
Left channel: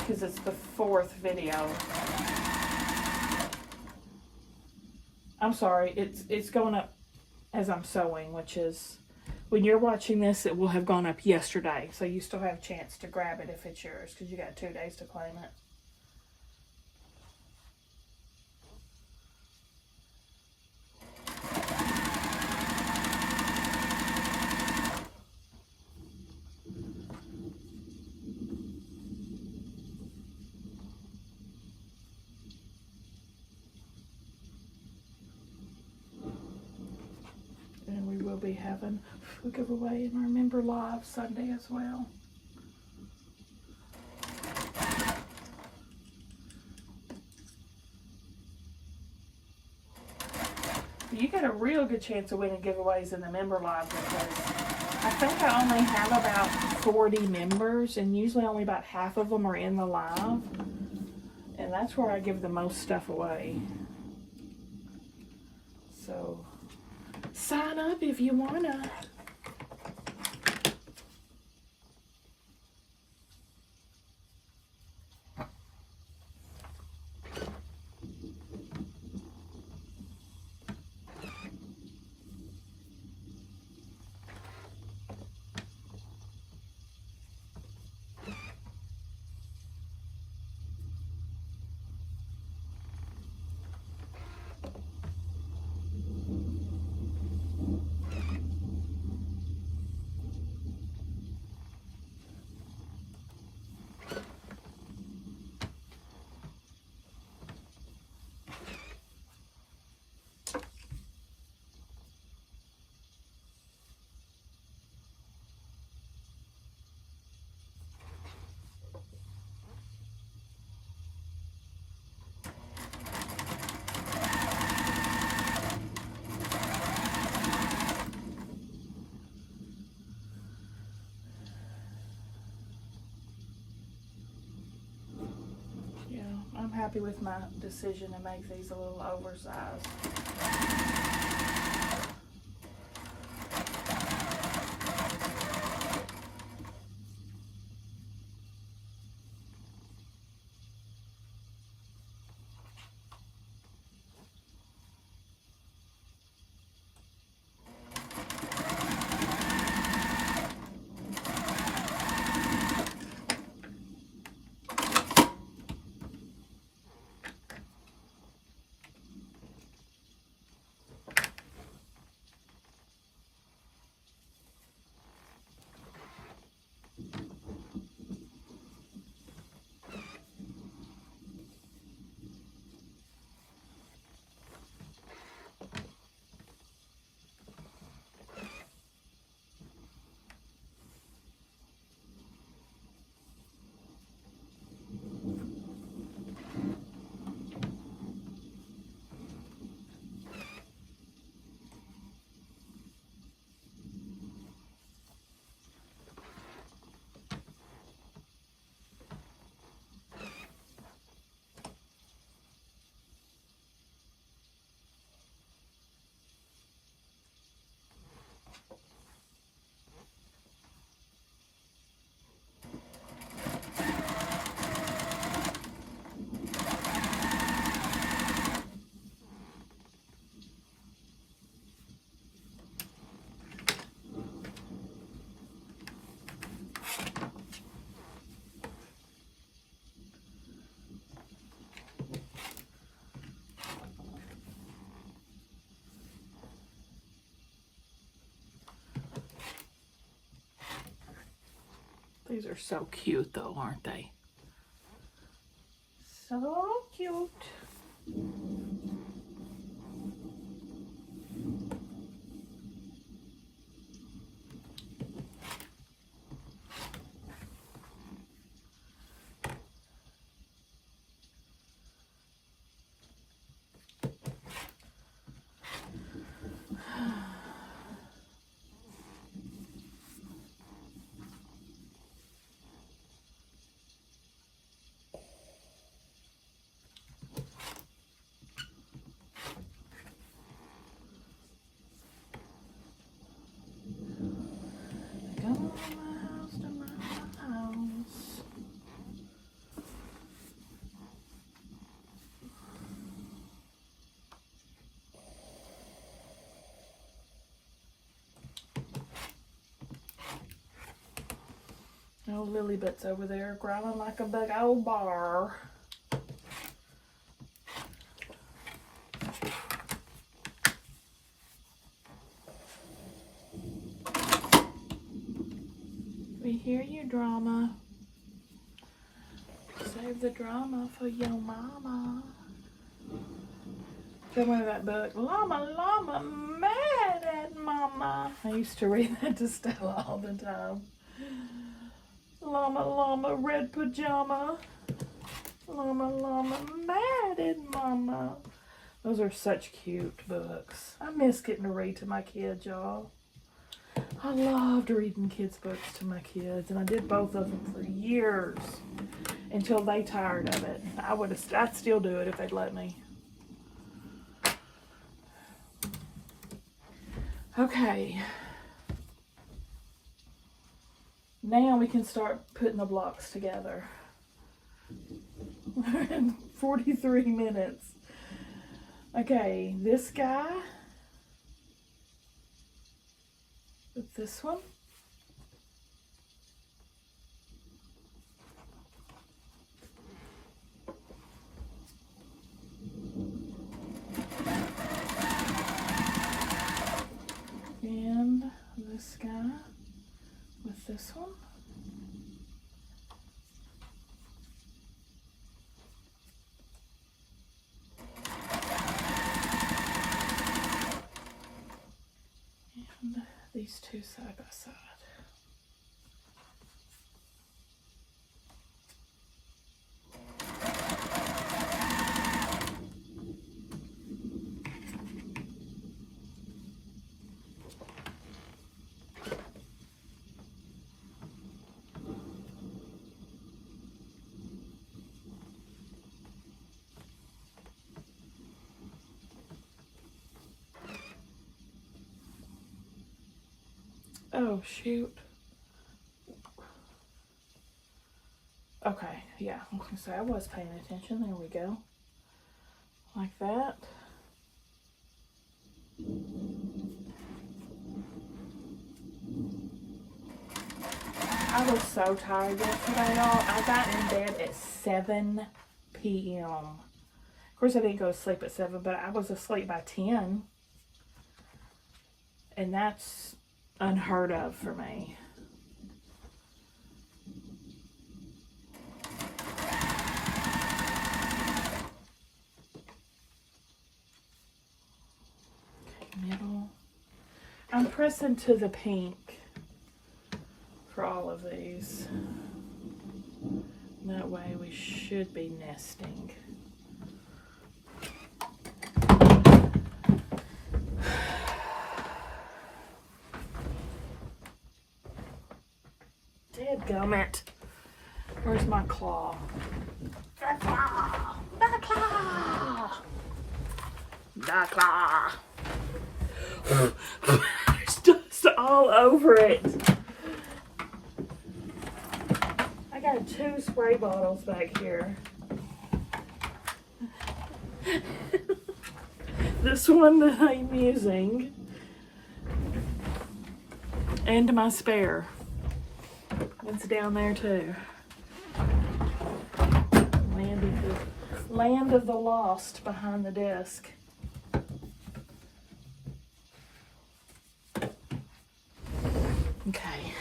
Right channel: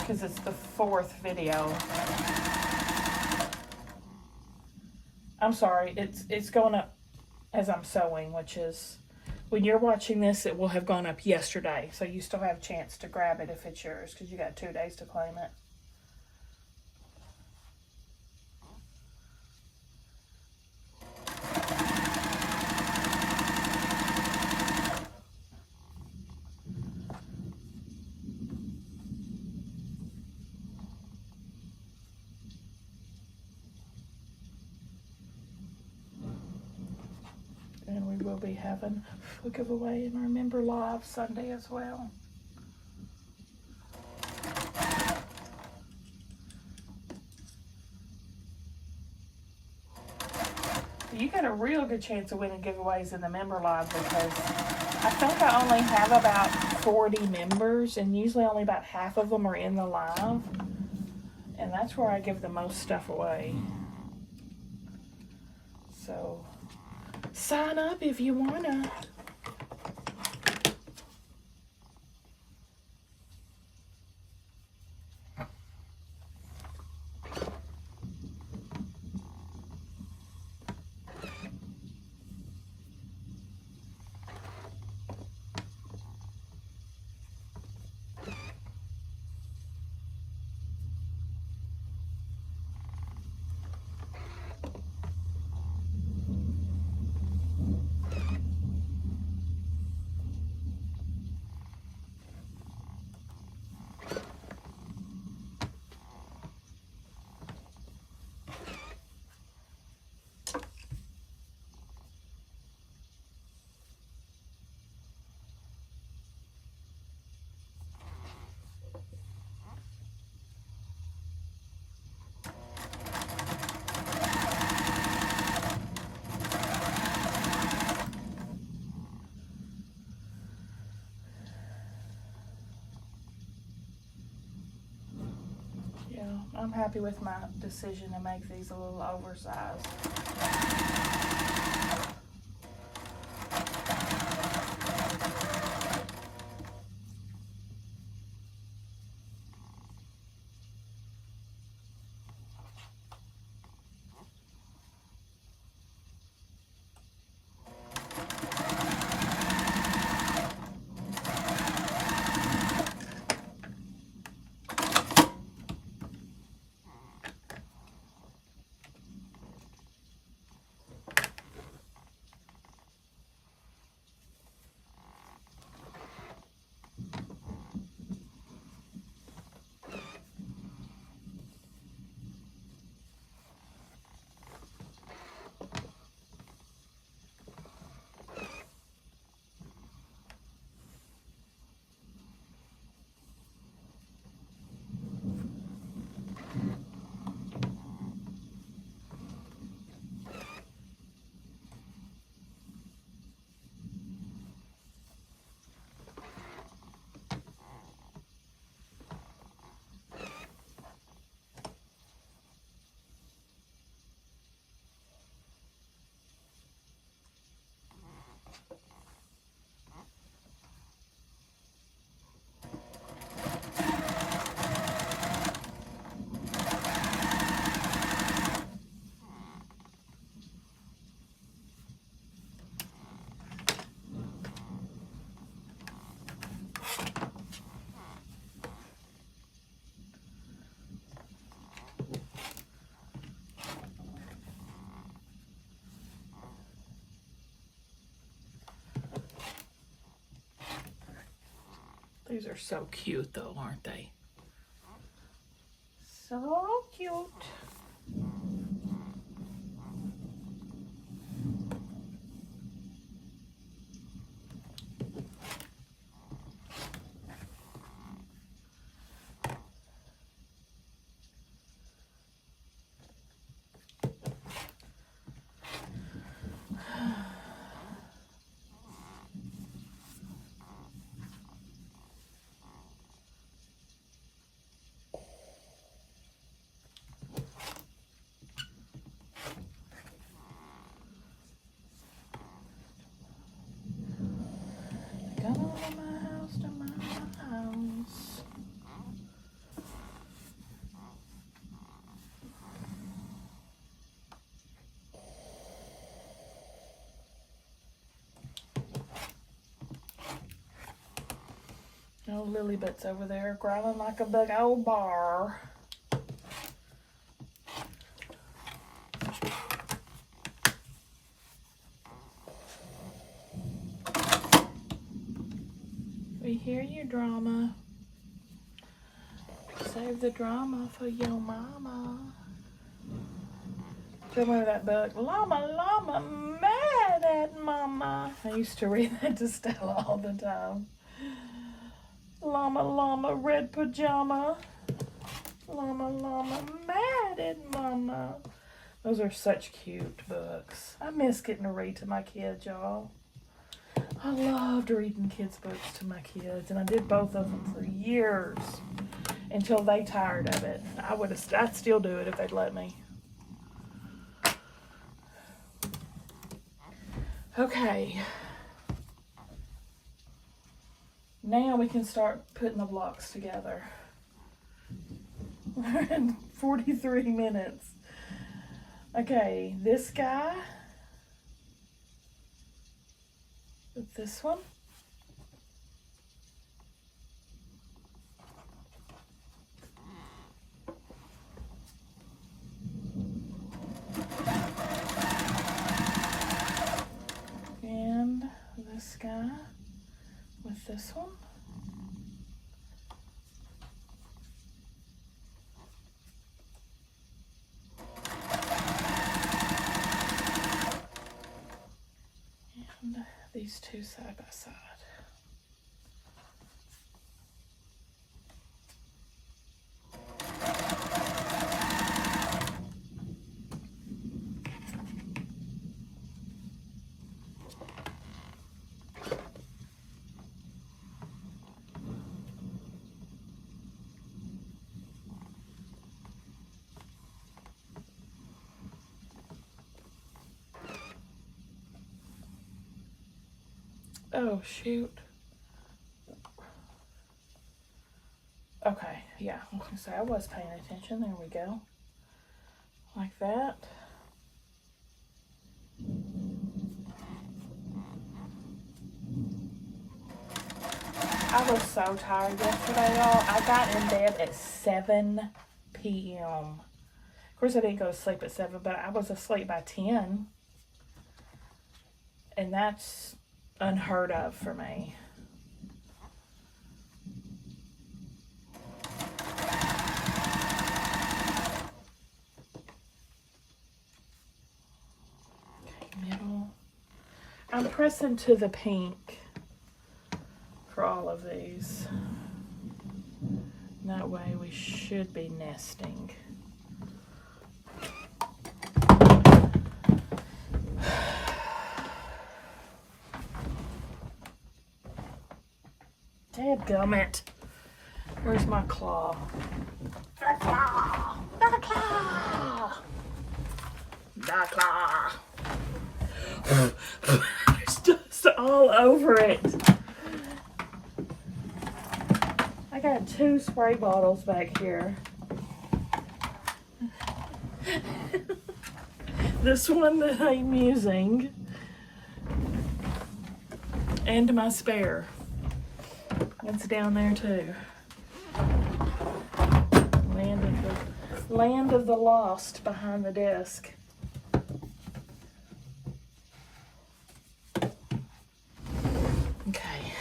because it's the 4th video. I'm sorry, it's going up as I'm sewing, which is, when you're watching this, it will have gone up yesterday, so you still have a chance to grab it if it's yours, because you got 2 days to claim it. And we will be having a giveaway in Remember Live Sunday as well. You get a real good chance of winning giveaways in the member live, because I think I only have about 40 members, and usually only about half of them are in the live. And that's where I give the most stuff away. So sign up if you wanna. I'm happy with my decision to make these a little oversized. These are so cute though, aren't they? So cute. Oh, Lilybut's over there growling like a big old bar. We hear you, drama. Save the drama for your mama. Remember that book, Llama, Llama, mad at mama. I used to read that to Stella all the time. Llama, llama, red pajama. Llama, llama, mad at mama. Those are such cute books. I miss getting to read to my kids, y'all. I loved reading kids' books to my kids, and I did both of them for years until they tired of it. I'd still do it if they'd let me. Okay. Now we can start putting the blocks together. We're in 43 minutes. Okay, this guy with this one. And this guy with this one. And these two side by side. Oh, shoot. Okay, yeah, I was gonna say I was paying attention. There we go. Like that. I was so tired yesterday, y'all. I got in bed at 7 p.m. Of course, I didn't go to sleep at 7, but I was asleep by 10. And that's unheard of for me. Okay, middle. I'm pressing to the pink for all of these. That way we should be nesting. Dadgummit. Where's my claw? The claw! The claw! The claw! There's dust all over it. I got 2 spray bottles back here. This one that I'm using. And my spare. It's down there too. Land of the lost behind the desk. Okay.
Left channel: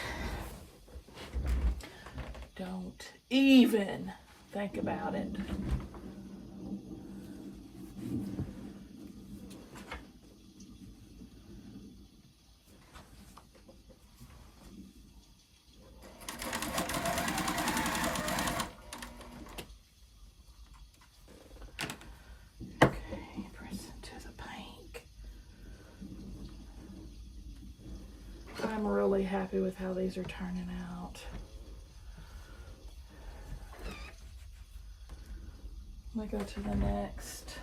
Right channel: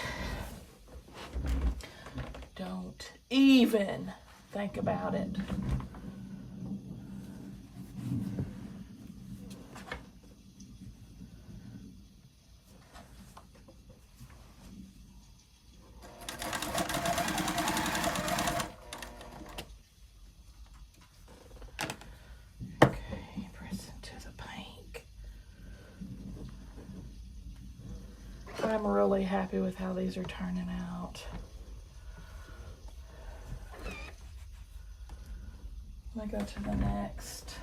Don't even think about it. I'm really happy with how these are turning out. Let me go to the next.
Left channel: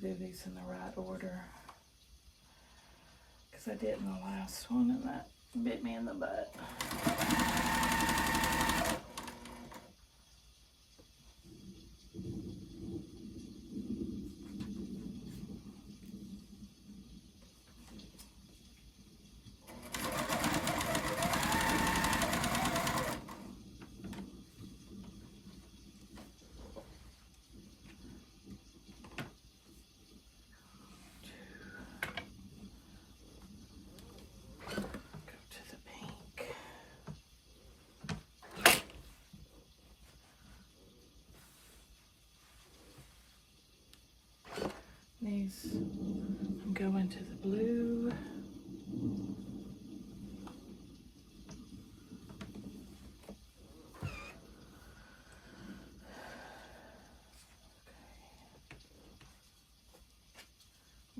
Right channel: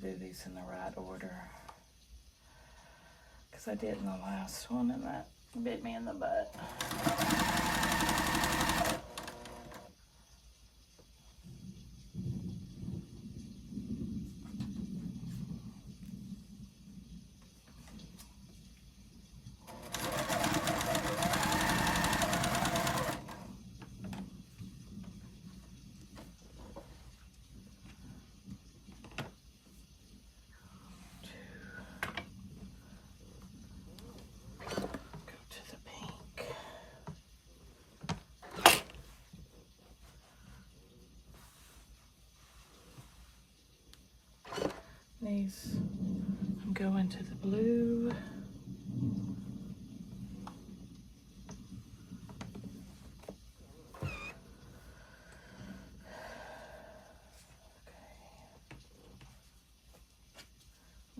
Do these in the right order, because I did in the last one and that bit me in the butt. These, I'm going to the blue.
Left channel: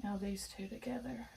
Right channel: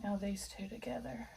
Now these two together.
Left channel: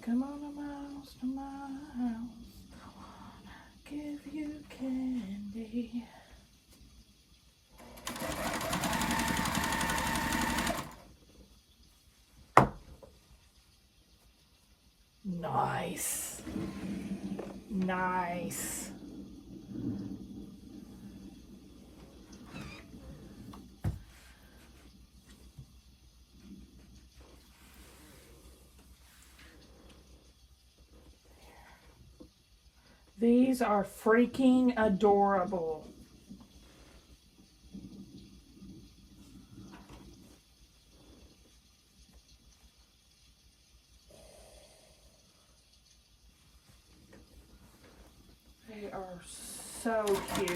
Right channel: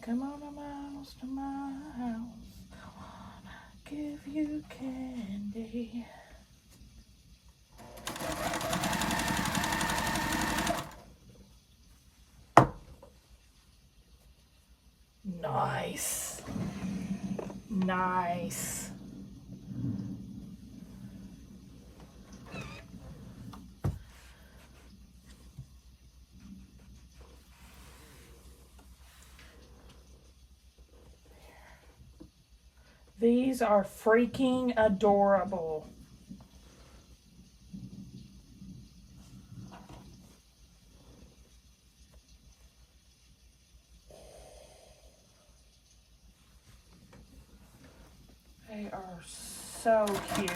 Come on a mouse to my house, I wanna give you candy. Nice. Nice. These are freaking adorable. They are so cute.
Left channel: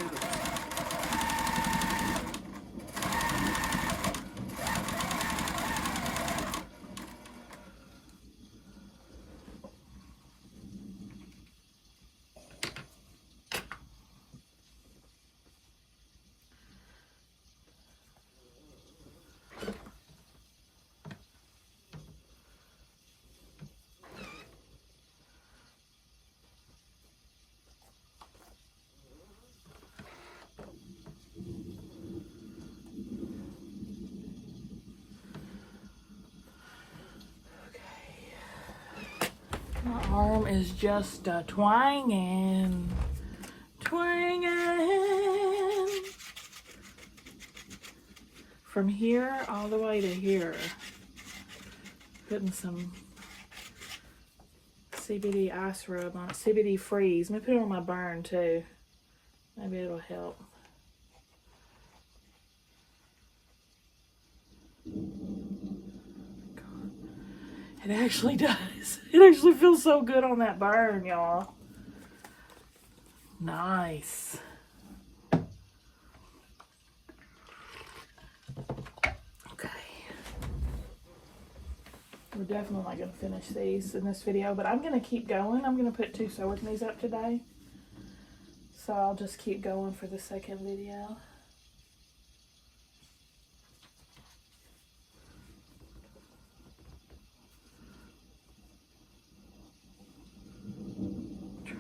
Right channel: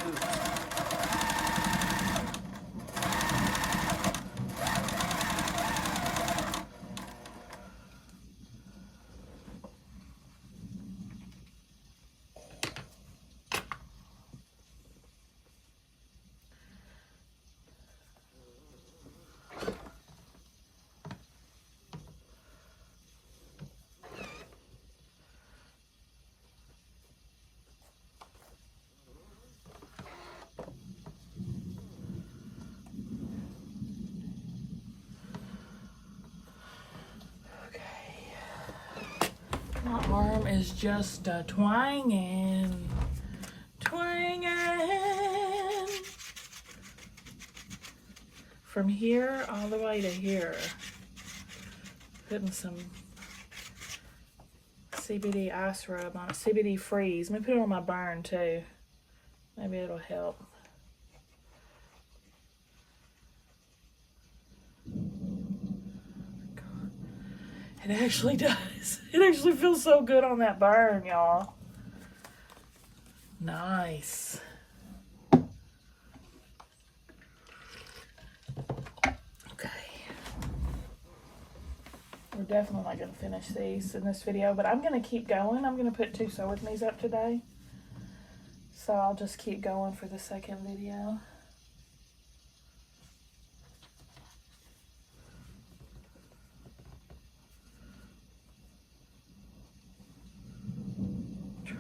My arm is just twanging. From here all the way to here. Putting some CBD ice rub on it, CBD freeze. Let me put it on my burn too. Maybe it'll help. It actually does. It actually feels so good on that burn, y'all. Nice. Okay. We're definitely not going to finish these in this video, but I'm going to keep going. I'm going to put 2 sew with me's up today. So I'll just keep going for the second video.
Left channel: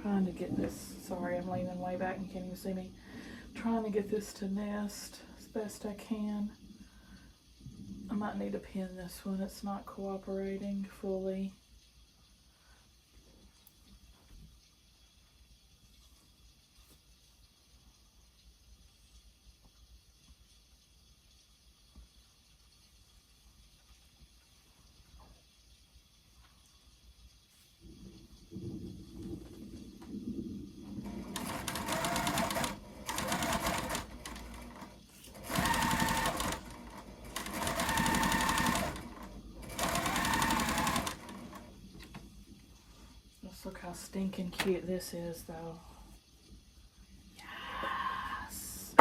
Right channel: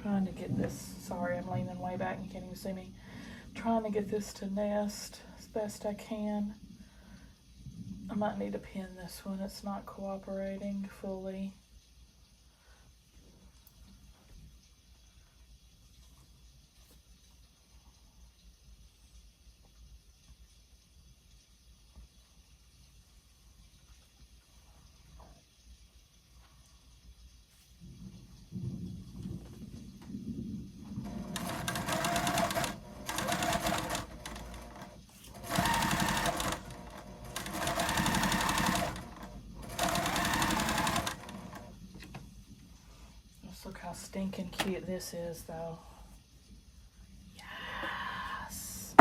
Trying to get this, sorry, I'm leaning way back and you can't even see me. Trying to get this to nest as best I can. I might need to pin this one, it's not cooperating fully. how stinking cute this is, though. Yes.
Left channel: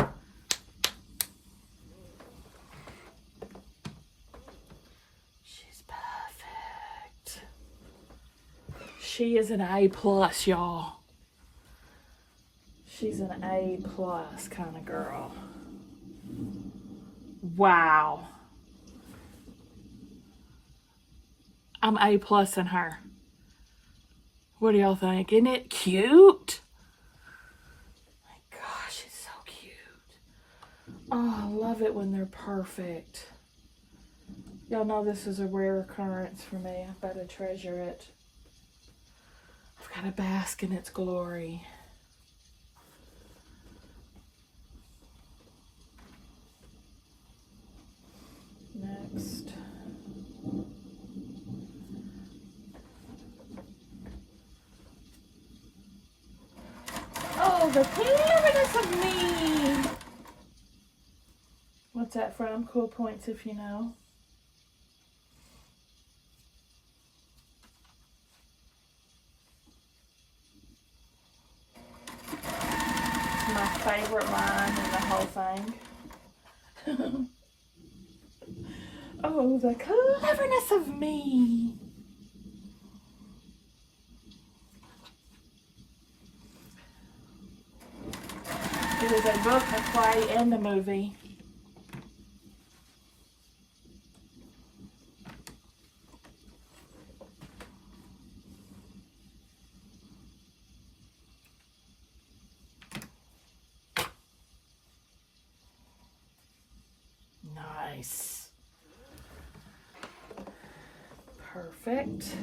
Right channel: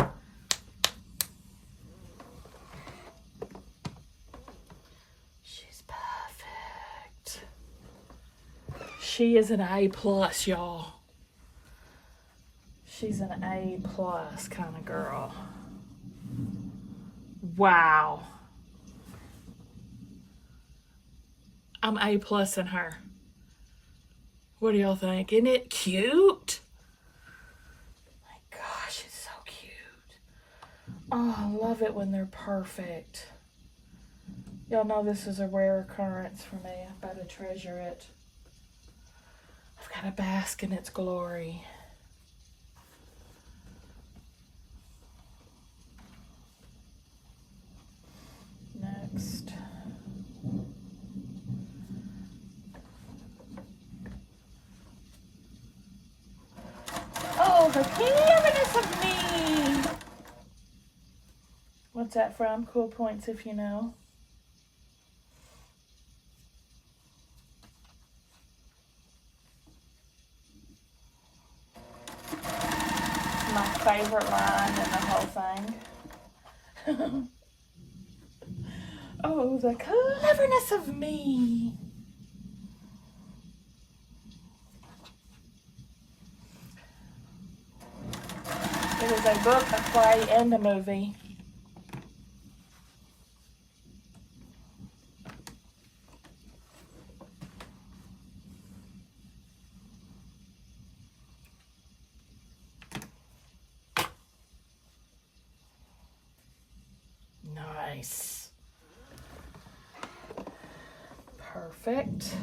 She's perfect. She is an A+, y'all. She's an A+ kind of girl. Wow. I'm A+ in her. What do y'all think? Isn't it cute? My gosh, it's so cute. Oh, I love it when they're perfect. Y'all know this is a rare occurrence for me. I better treasure it. I've got to bask in its glory. Next. Oh, the cleverness of me! What's that from? Cool points if you know. My favorite line in the whole thing. Oh, the cleverness of me. It was a book, a play, and a movie. Nice. Perfect.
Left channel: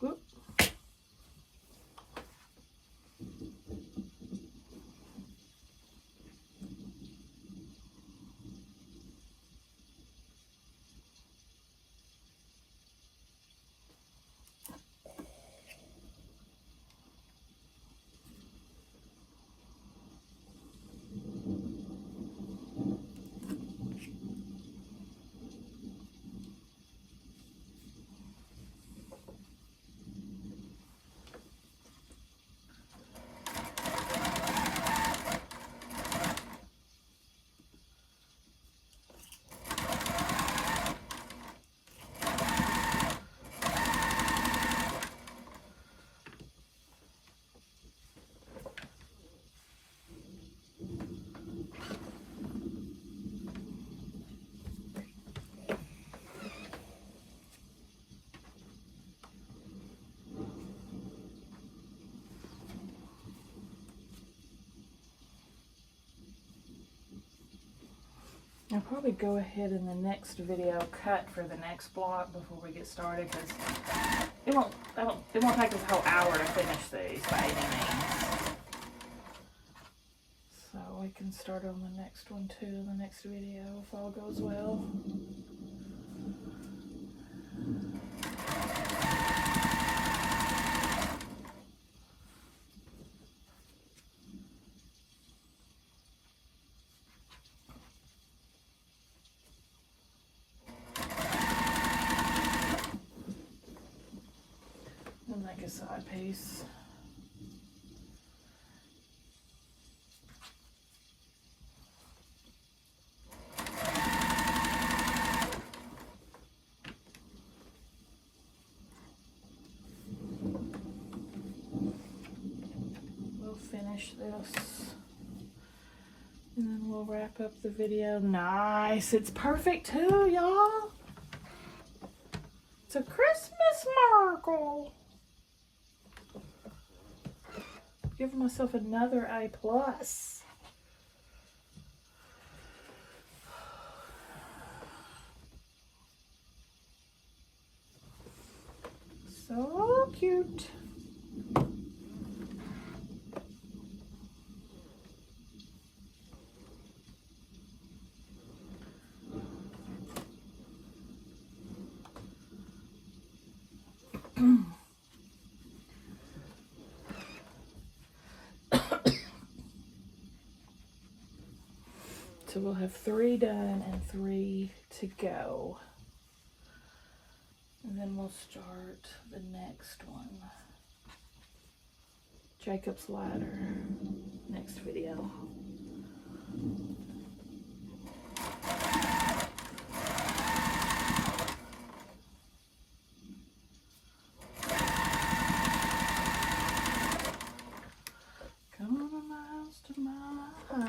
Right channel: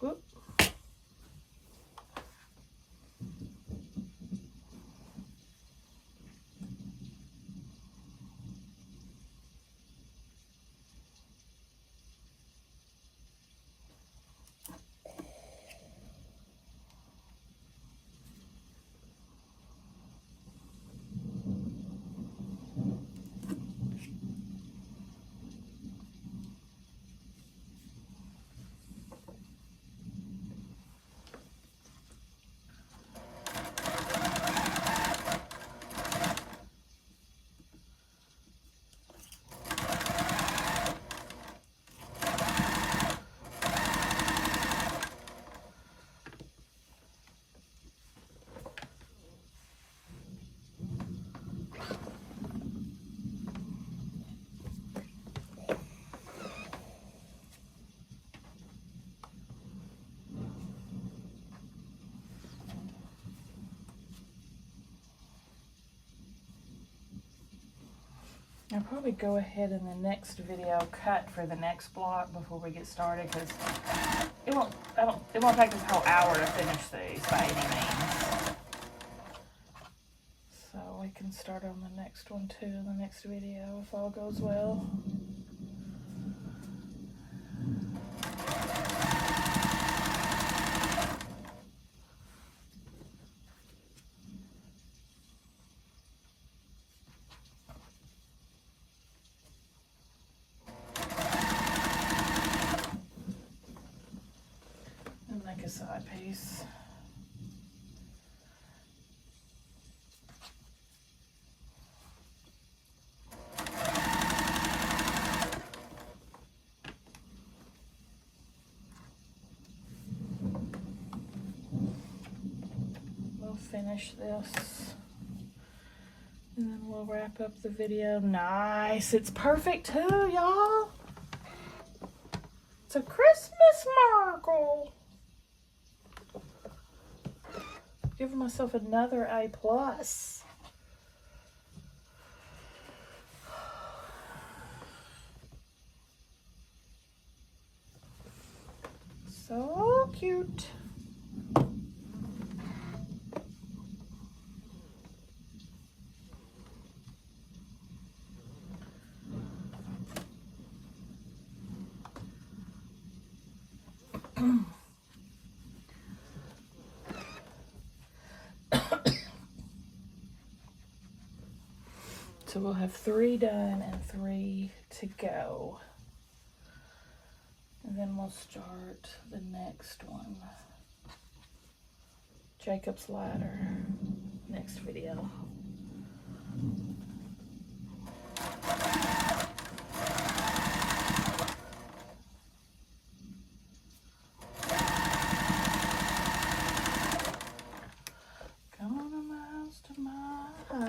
Whoop. I'll probably go ahead in the next video cut for the next block before we get started, because it won't take this whole hour to finish these by any means. So we can start on the next one too, in the next video, if all goes well. Side piece. We'll finish this and then we'll wrap up the video. Nice. It's perfect too, y'all. It's a Christmas miracle. Giving myself another A+. So cute. so we'll have 3 done and 3 to go. And then we'll start the next one. Jacob's Ladder, next video. Come on a miles to my house.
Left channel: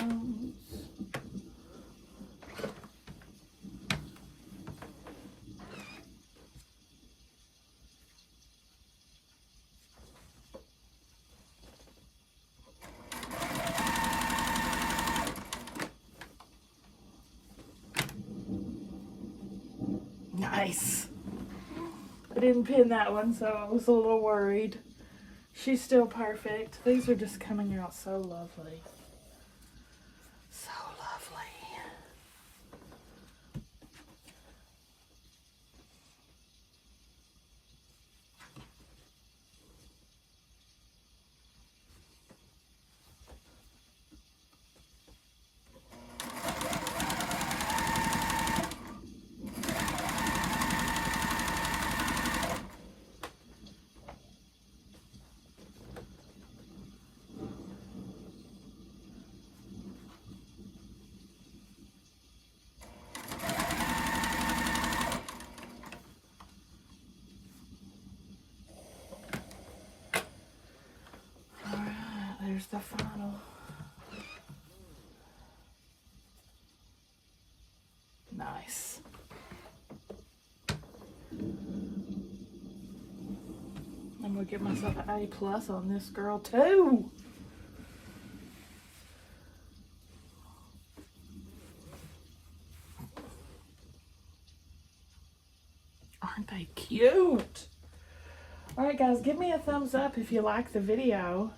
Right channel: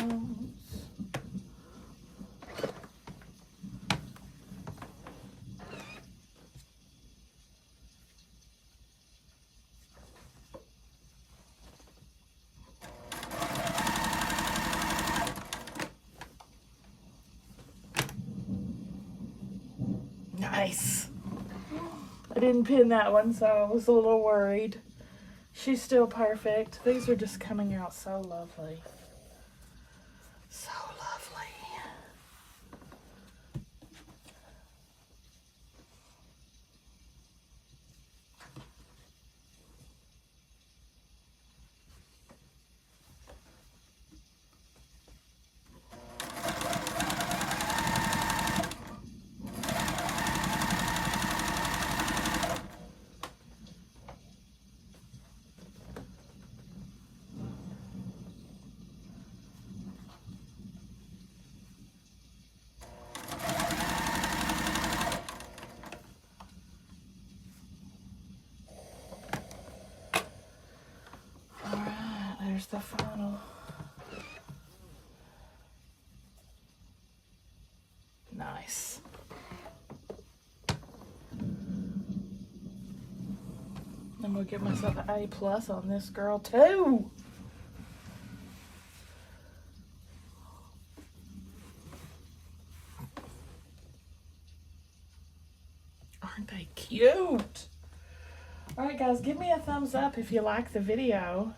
Nice. I didn't pin that one, so I was a little worried. She's still perfect. These are just coming out so lovely. So lovely. There's the final. Nice. I'm gonna give myself an A+ on this girl too. Aren't they cute? All right, guys, give me a thumbs up if you like the video.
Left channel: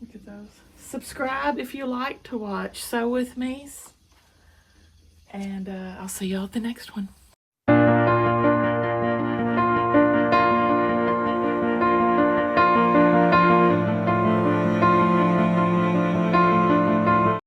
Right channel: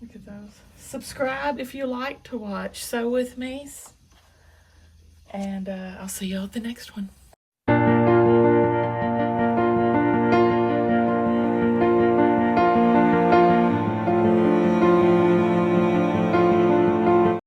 Look at those. Subscribe if you like to watch Sew With Me's. And I'll see y'all at the next one.